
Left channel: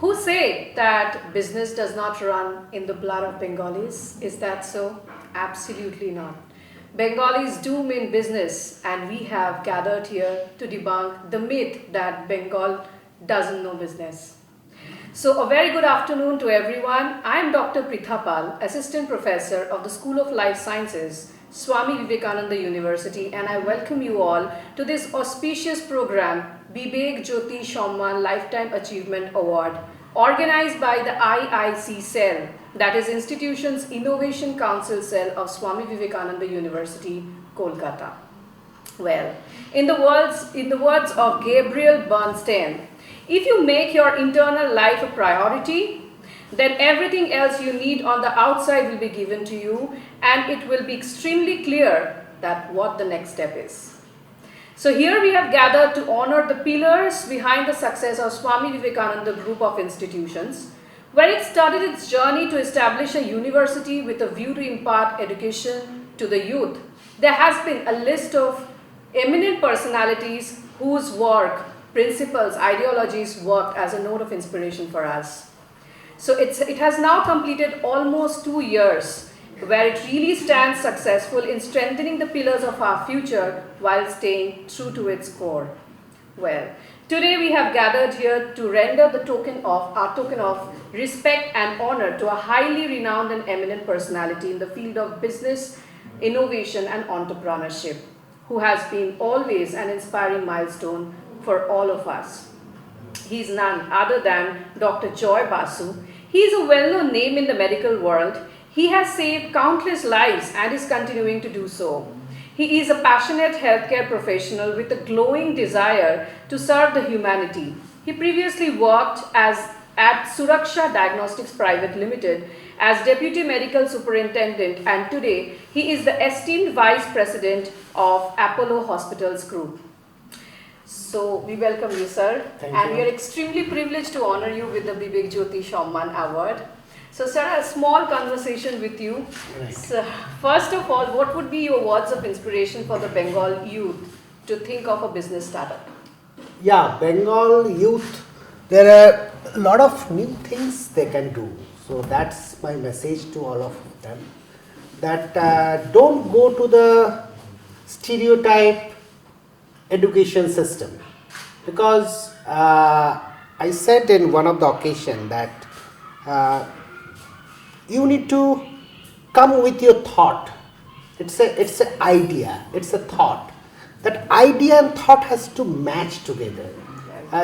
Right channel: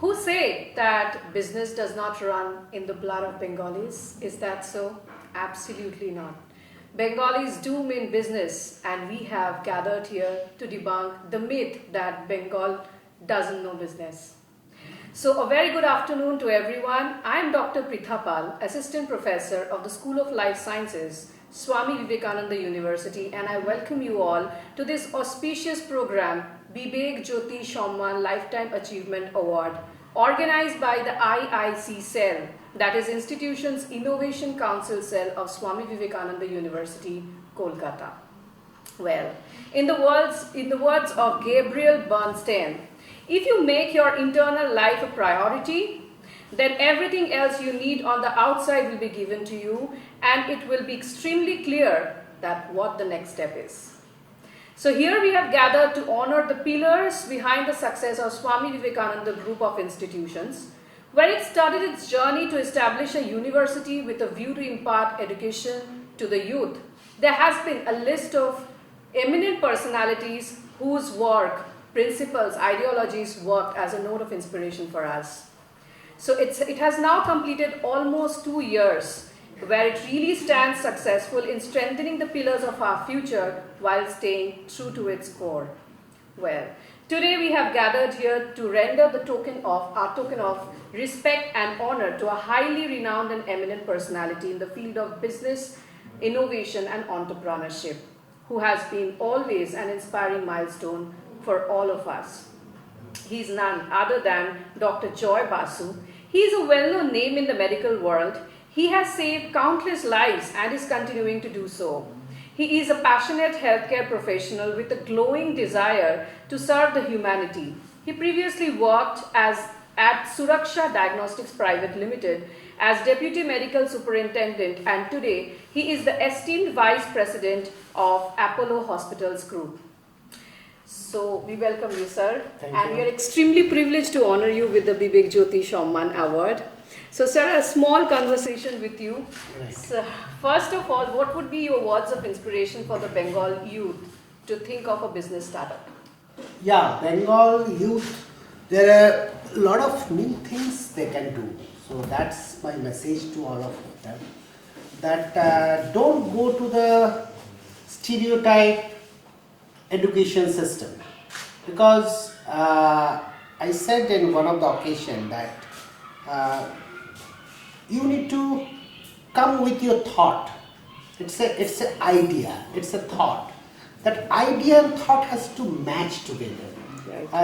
Who say that business does not run in the blood of Bengalis? Is that so? Absolutely not. Bengalis do mean business, and we have gathered here to debunk the myth that Bengal doesn't know business. So a very good afternoon to everyone. I am Dr. Pritha Pal, Assistant Professor of the School of Life Sciences, Swami Vivekananda University, and I welcome you all to this auspicious program, Bibek Jyoti Samman Lifetime Achievement Award, organized by the IIC cell, that is Institution's Innovation Council cell of Swami Vivekananda University, Kolkata. Well, in the words of Gabriel Bernstein, if you make your internal life a priority, then everything else you need on the outside will be given to you, and it will be extremely clear that what the next step is. So here we have gathered to honor the pillars behind the success of Swami Vivekananda Group of Institutions. When it started its journey to establish a university with a view to impart education to the youth, there has been a list of eminent personalities whose work, principles, ideologies worked as a note of inspiration for us. So it has now completed almost 2 years, where it really stands successful in strengthening the pillars of our future while staying true to its core. Well, today we have gathered here to render the our token of respect and honor to a highly renowned and eminent personality in the field of business, innovation and entrepreneurship, who has been always an inspiring milestone for all of us. He is none other than Dr. Joy Basu. He is a well-known name in the medical world. He has saved countless lives and is continuing to do so. He is a passionate healthcare professional with a glowing desire to serve the humanity. He previously worked as at Suraksha Diagnostics Private Limited as Deputy Medical Superintendent, and today he is the esteemed Vice President of Apollo Hospitals Group. So we welcome you, sir. Thank and you. We are extremely privileged to honor you with the Bibek Jyoti Shamman Award. So, sir, a small conversation with you. Right. So, first of all, what would be your words of inspiration for the Bengal youth to think of a business startup? Yeah, Bengal youth, there are a lot of new things they can do. So that's my message to all of them. That don't go to the stereotype education system. Because I said in one of the occasion that you need to come with your thought. It's an idea, it's a thought. That idea and thought has to match together.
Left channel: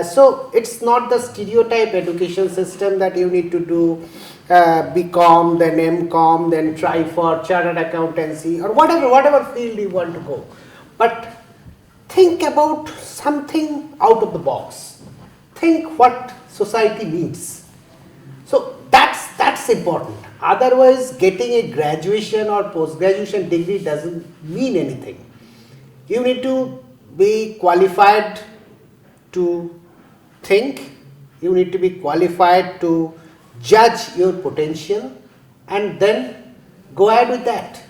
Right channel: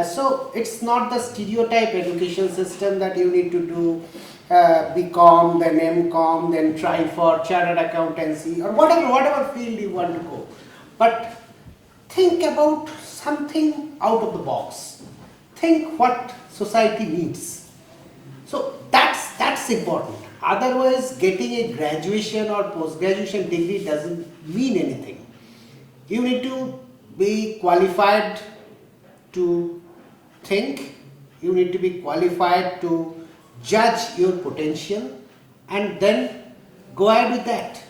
So it's not the stereotype education system that you need to do BCom, then MCom, then try for chartered accountancy or whatever field you want to go. But think about something out of the box. Think what society needs. So that's important. Otherwise, getting a graduation or post-graduation degree doesn't mean anything. You need to be qualified to think, you need to be qualified to judge your potential and then go ahead with that.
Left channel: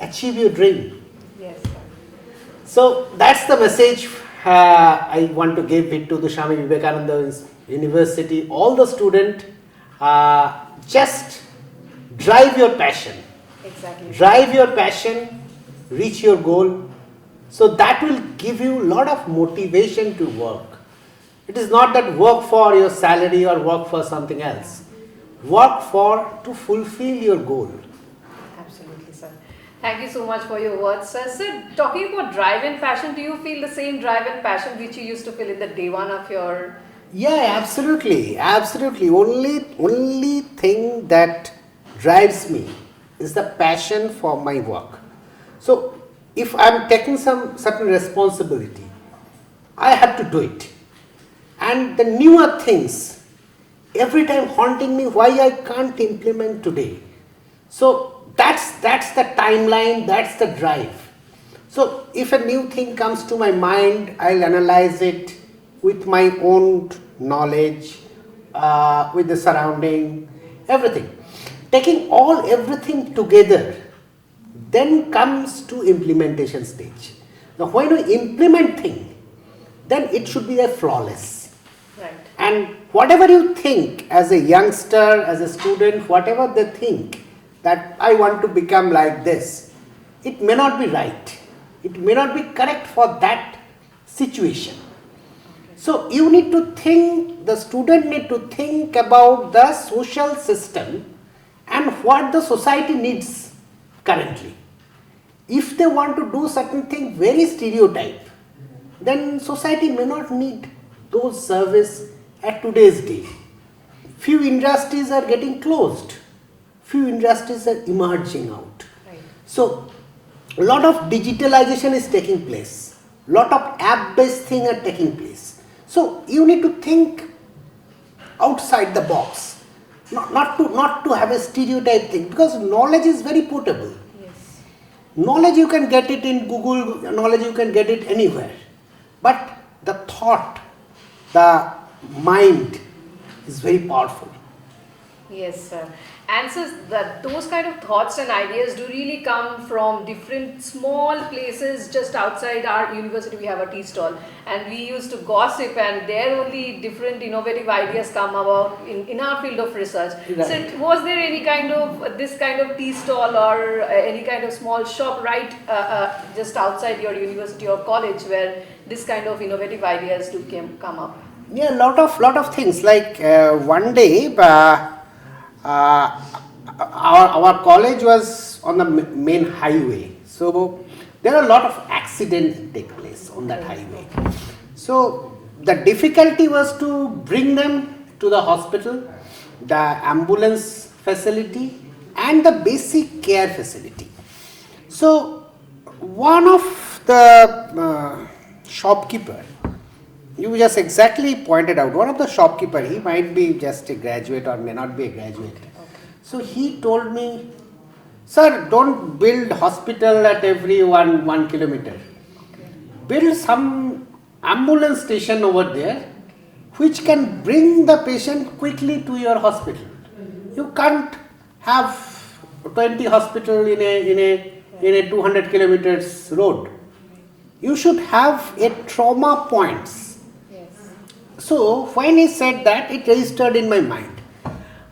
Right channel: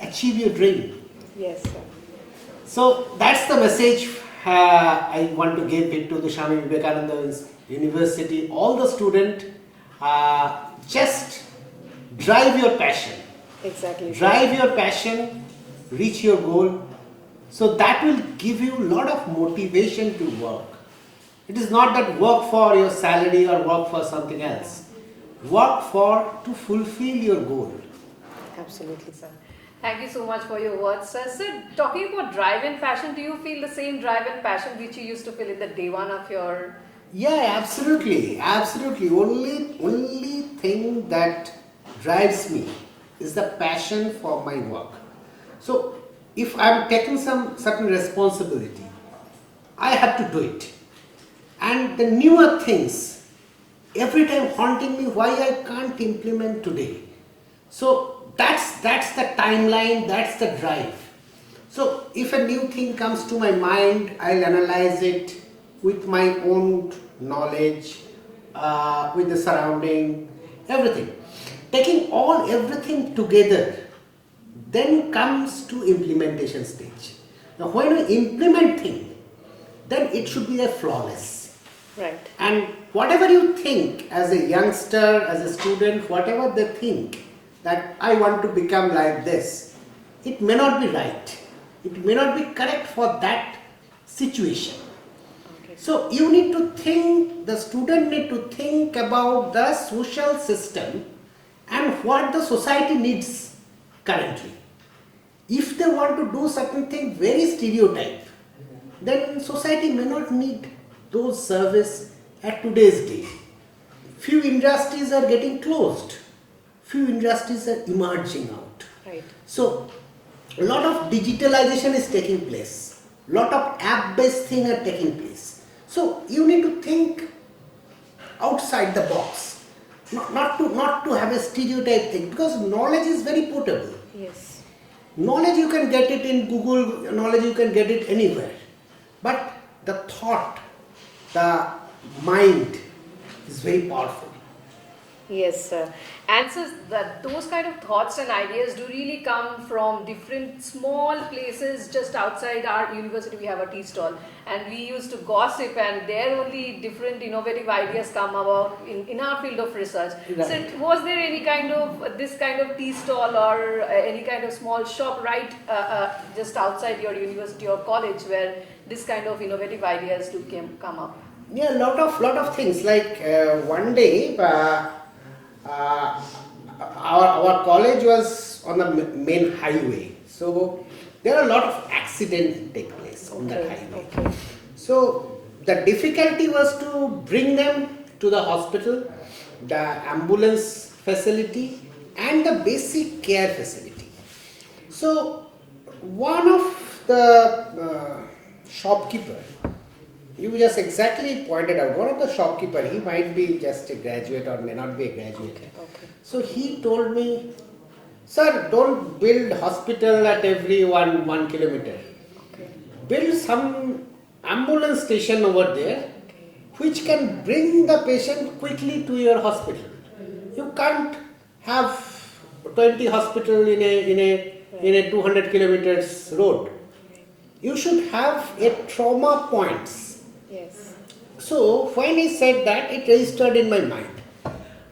Achieve your dream. Yes, sir. So that's the message I want to give it to the Swami Vivekananda University. All the students, just drive your passion. Exactly. Drive your passion, reach your goal. So that will give you a lot of motivation to work. It is not that work for your salary or work for something else. Work to fulfill your goal. Absolutely, sir. Thank you so much for your words, sir. Sir, talking about drive and passion, do you feel the same drive and passion which you used to feel in the day one of your... Yeah, absolutely. Only thing that drives me is the passion for my work. So if I'm taking some certain responsibility, I have to do it. And the newer things every time haunting me why I can't implement today. So that's the timeline, that's the drive. So if a new thing comes to my mind, I'll analyze it with my own knowledge, with the surrounding, everything. Taking everything together, then comes to implementation stage. Now when we implement thing, then it should be a flawless. Right. And whatever you think as a youngster, as a student, whatever they think that I want to become like this, it may not be right. It may not be correct for that situation. Okay. So you need to think, the student need to think about the social system and what the society needs currently. If they want to do certain thing very stereotype, then society may not need those service at today's day. Few industries are getting closed. Few industries are emerging out. Right. So a lot of digitalization is taking place. Lot of app-based things are taking place. So you need to think outside the box. Not to have a stereotype thing, because knowledge is very portable. Yes. Knowledge you can get it in Google, knowledge you can get it anywhere. But the thought, the mind is very powerful. Yes, sir. And so those kind of thoughts and ideas do really come from different small places just outside our university. We have a tea stall and we used to gossip, and there only different innovative ideas come about in our field of research. Right. So was there any kind of this kind of tea stall or any kind of small shop right just outside your university or college where this kind of innovative ideas do come up? Yeah, lot of things. Like one day, our college was on the main highway, so there are a lot of accidents take place on that highway. So the difficulty was to bring them to the hospital, the ambulance facility, and the basic care facility. So one of the shopkeeper You just exactly pointed out, one of the shopkeeper, he might be just a graduate or may not be a graduate. Okay. So he told me, sir, don't build hospital at every one kilometer. Okay. Build some ambulance station over there which can bring the patient quickly to your hospital. You can't have 20 hospital in a 200 kilometers road. You should have a trauma points. Yes. So when he said that, it registered in my mind.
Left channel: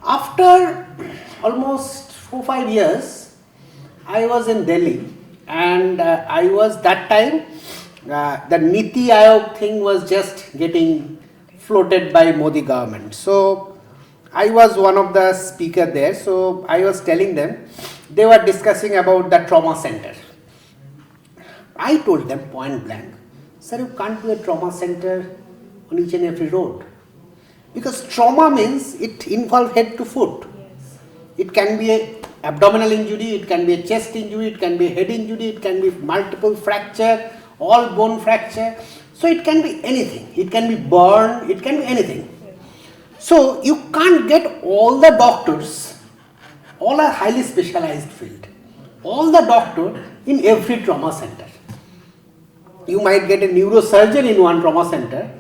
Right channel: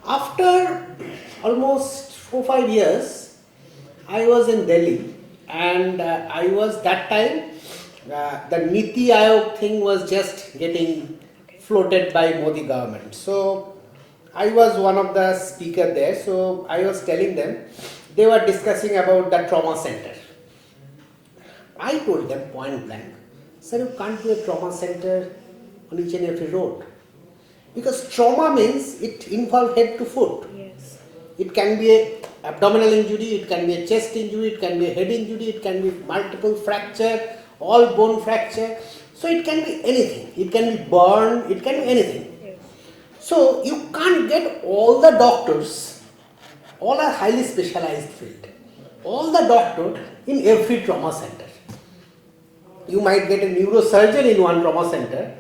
After almost 4-5 years, I was in Delhi, and I was that time, the Niti Aayog thing was just getting floated by Modi government. So I was one of the speaker there. So I was telling them, they were discussing about the trauma center. I told them point blank, sir, you can't do a trauma center on each and every road. Because trauma means it involves head to foot. Yes. It can be a abdominal injury, it can be a chest injury, it can be a head injury, it can be multiple fracture, all bone fracture. So it can be anything. It can be burn, it can be anything. Yes. So you can't get all the doctors, all are highly specialized field, all the doctor in every trauma center. You might get a neurosurgeon in one trauma center,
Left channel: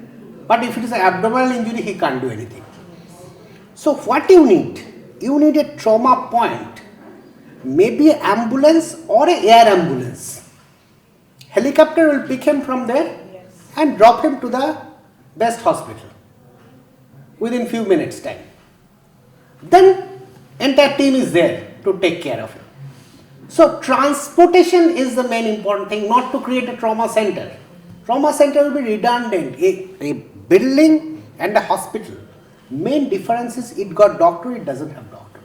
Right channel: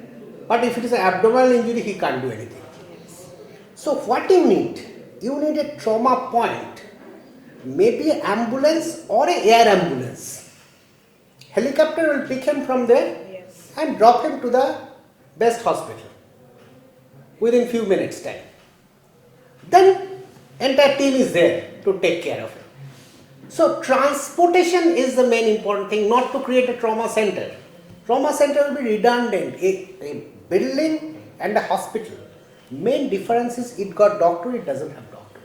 but if it is an abdominal injury, he can't do anything. So what you need? You need a trauma point, maybe an ambulance or an air ambulance. Helicopter will pick him from there Yes. and drop him to the best hospital within few minutes time. Then entire team is there to take care of him. So transportation is the main important thing, not to create a trauma center. Trauma center will be redundant. A building and a hospital. Main difference is it got doctor, it doesn't have doctor.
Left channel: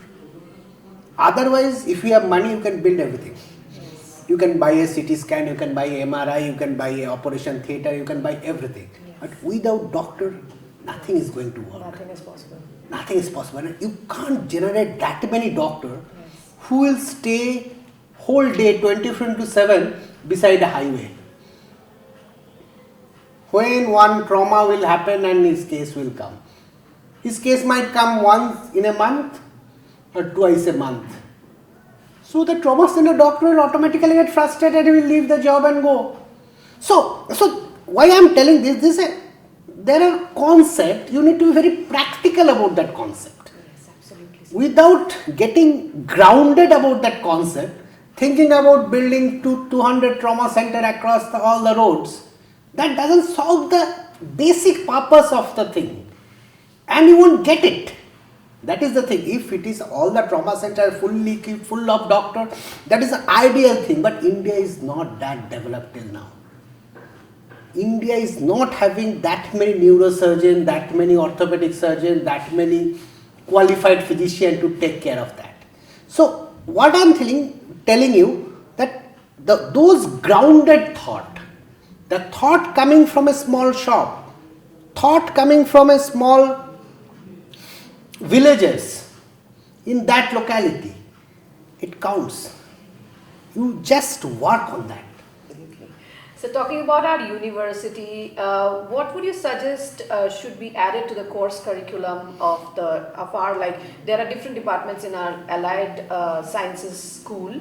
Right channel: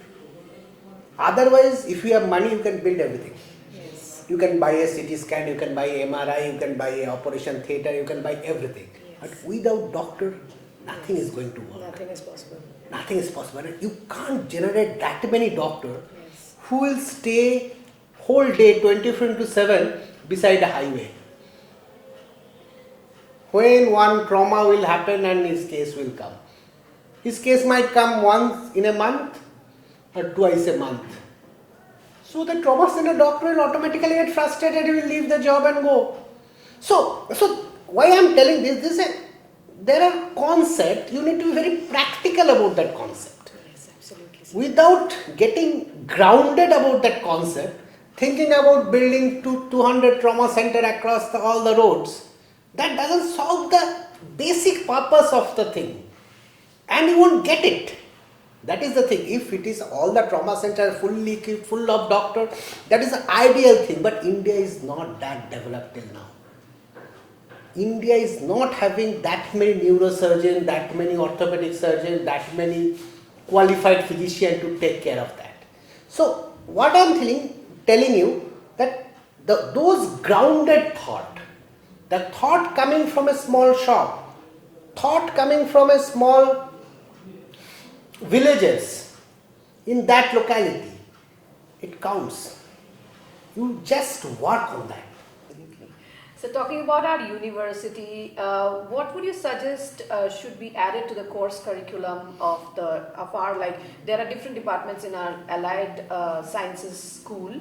Otherwise, if you have money, you can build everything. Yes. You can buy a CT scan, you can buy MRI, you can buy a operation theatre, you can buy everything. But without doctor, nothing is going to work. Nothing is possible. Nothing is possible. You can't generate that many doctors Yes. who will stay whole day 24/7 beside a highway. When one trauma will happen and his case will come. His case might come once in a month or twice a month. So the trauma center doctor will automatically get frustrated, he will leave the job and go. So why I am telling this, there are concept, you need to be very practical about that concept. Yes, absolutely. Without getting grounded about that concept, thinking about building 200 trauma center across all the roads, that doesn't solve the basic purpose of the thing. And you won't get it. That is the thing. If it is all the trauma center fully equipped, full of doctors, that is the ideal thing. But India is not that developed till now. India is not having that many neurosurgeons, that many orthopedic surgeons, that many qualified physicians to take care of that. So what I am telling you that those grounded thought, the thought coming from a small shop, thought coming from a small villages in that locality, it counts. You just work on that. Absolutely. So talking about our university, what would you suggest should be added to the course curriculum of our, like, there are different departments in our allied sciences school.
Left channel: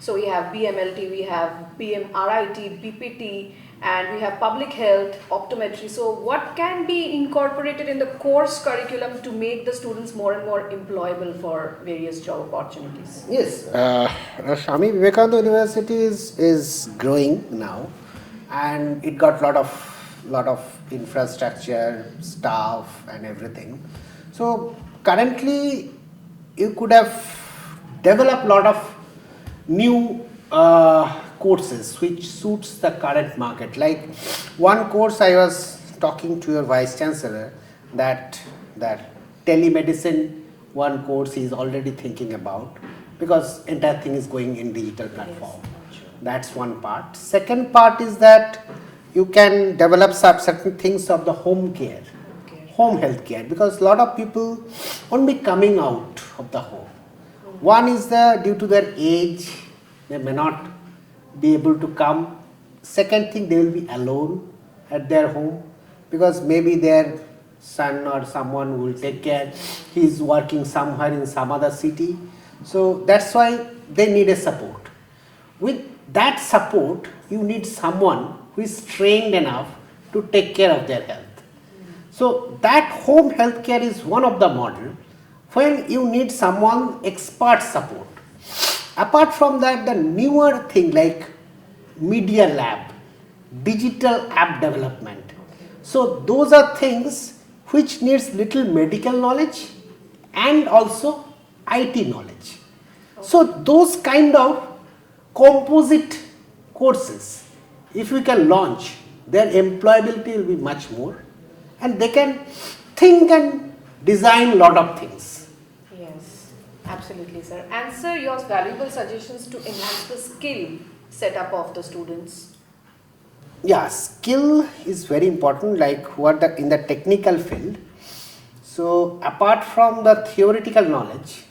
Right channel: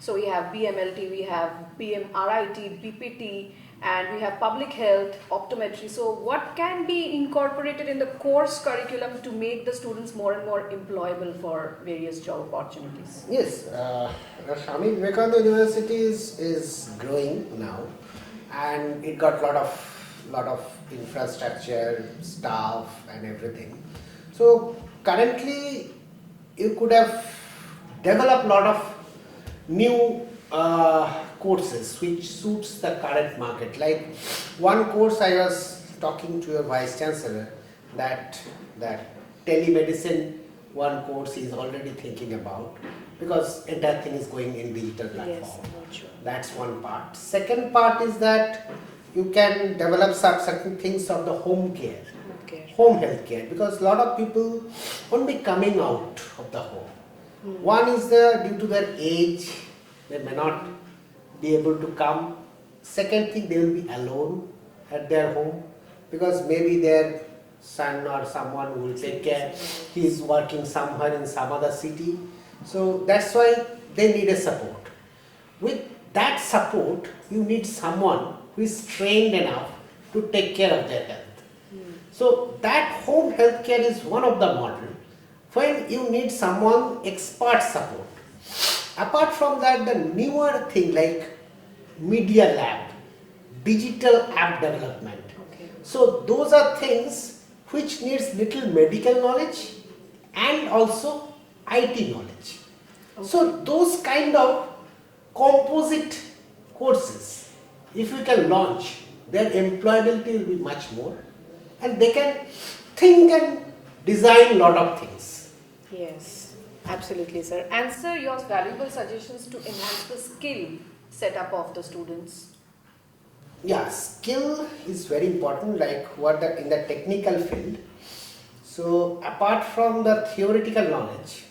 So we have BMLT, we have BMRIT, BPT, and we have public health, optometry. So what can be incorporated in the course curriculum to make the students more and more employable for various job opportunities? Yes, Swami Vivekananda University is growing now, and it got lot of infrastructure, staff, and everything. So currently, you could have developed lot of new courses which suits the current market. Like one course I was talking to your vice chancellor that telemedicine, one course he is already thinking about, because entire thing is going in digital platform. Yes, That's one part. Second part is that you can develop certain things of the home care, home health care, because a lot of people won't be coming out of the home. One is due to their age, they may not be able to come. Second thing, they will be alone at their home. because maybe their son or someone will take care. He's working somewhere in some other city. So that's why they need a support. With that support, you need someone who is trained enough to take care of their health. So that home healthcare is one of the model when you need someone expert support. Apart from that, the newer thing like media lab, digital app development. So those are things which needs little medical knowledge and also IT knowledge. So those kind of composite courses, if we can launch, their employability will be much more, and they can think and design lot of things. Yes, absolutely, sir. And sir, your valuable suggestions to enhance the skill setup of the students. Yeah, skill is very important, like who are in the technical field. So apart from the theoretical knowledge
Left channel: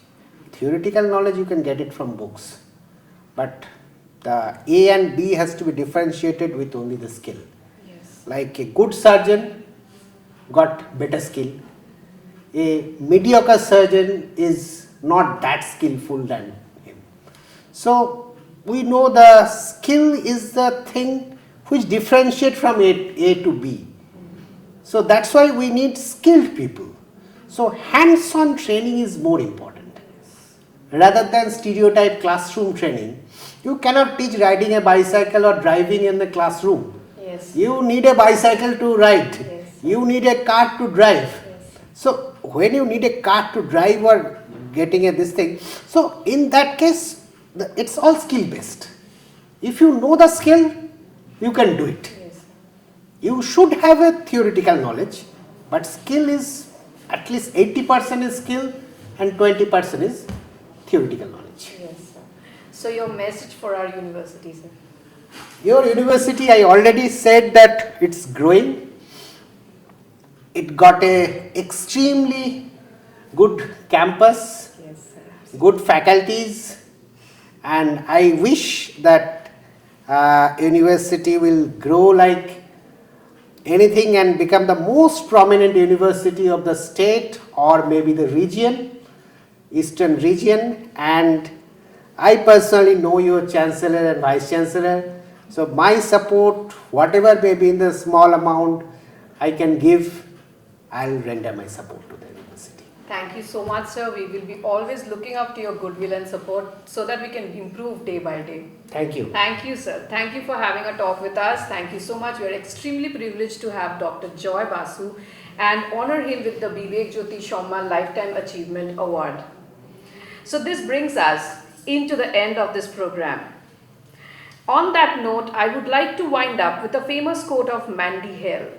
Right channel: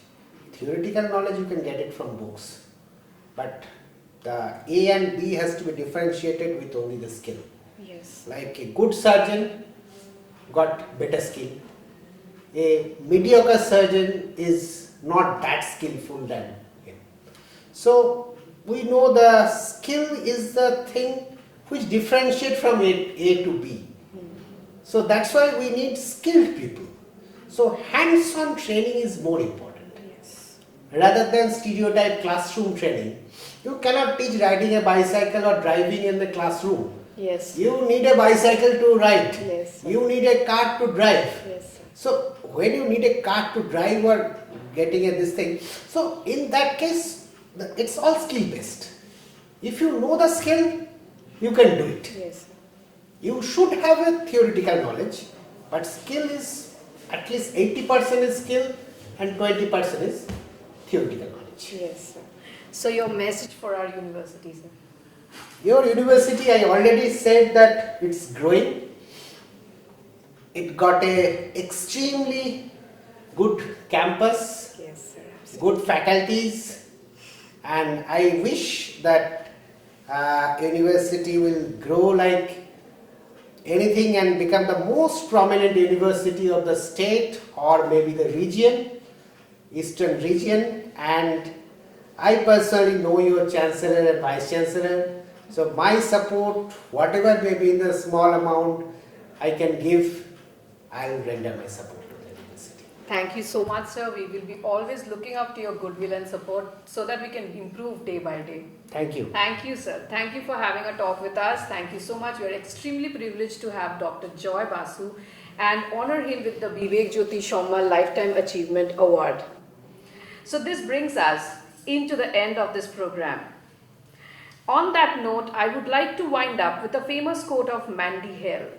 you can get it from books, but the A and B has to be differentiated with only the skill. Yes. Like a good surgeon got better skill, a mediocre surgeon is not that skillful than him. So we know the skill is the thing which differentiate from A to B. So that's why we need skilled people. So hands-on training is more important. Rather than stereotype classroom training, you cannot teach riding a bicycle or driving in the classroom. Yes. You need a bicycle to ride. Yes. You need a car to drive. Yes. So when you need a car to drive or getting this thing, so in that case, it's all skill based. If you know the skill, you can do it. Yes. You should have a theoretical knowledge, but skill is at least 80% is skill and 20% is theoretical knowledge. Yes, sir. So your message for our university, sir? Your university, I already said that it's growing. It got a extremely good campus, Yes, sir. good faculties, and I wish that university will grow like anything and become the most prominent university of the state or maybe the region, eastern region. And I personally know your chancellor and vice chancellor, so my support, whatever may be in the small amount I can give, I'll render my support to the university. Thank you so much, sir. We will be always looking up to your goodwill and support so that we can improve day by day. Thank you. Thank you, sir. Thank you for having a talk with us. Thank you so much. We are extremely privileged to have Dr. Joy Basu and honor him with the Bibek Jyoti Shommal Lifetime Achievement Award. So this brings us into the end of this program. On that note, I would like to wind up with a famous quote of Mandy Hale.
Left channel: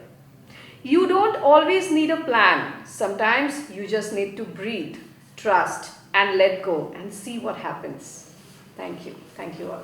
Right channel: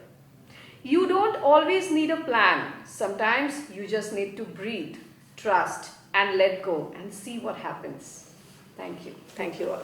You don't always need a plan. Sometimes you just need to breathe, trust, and let go and see what happens. Thank you. Thank you all.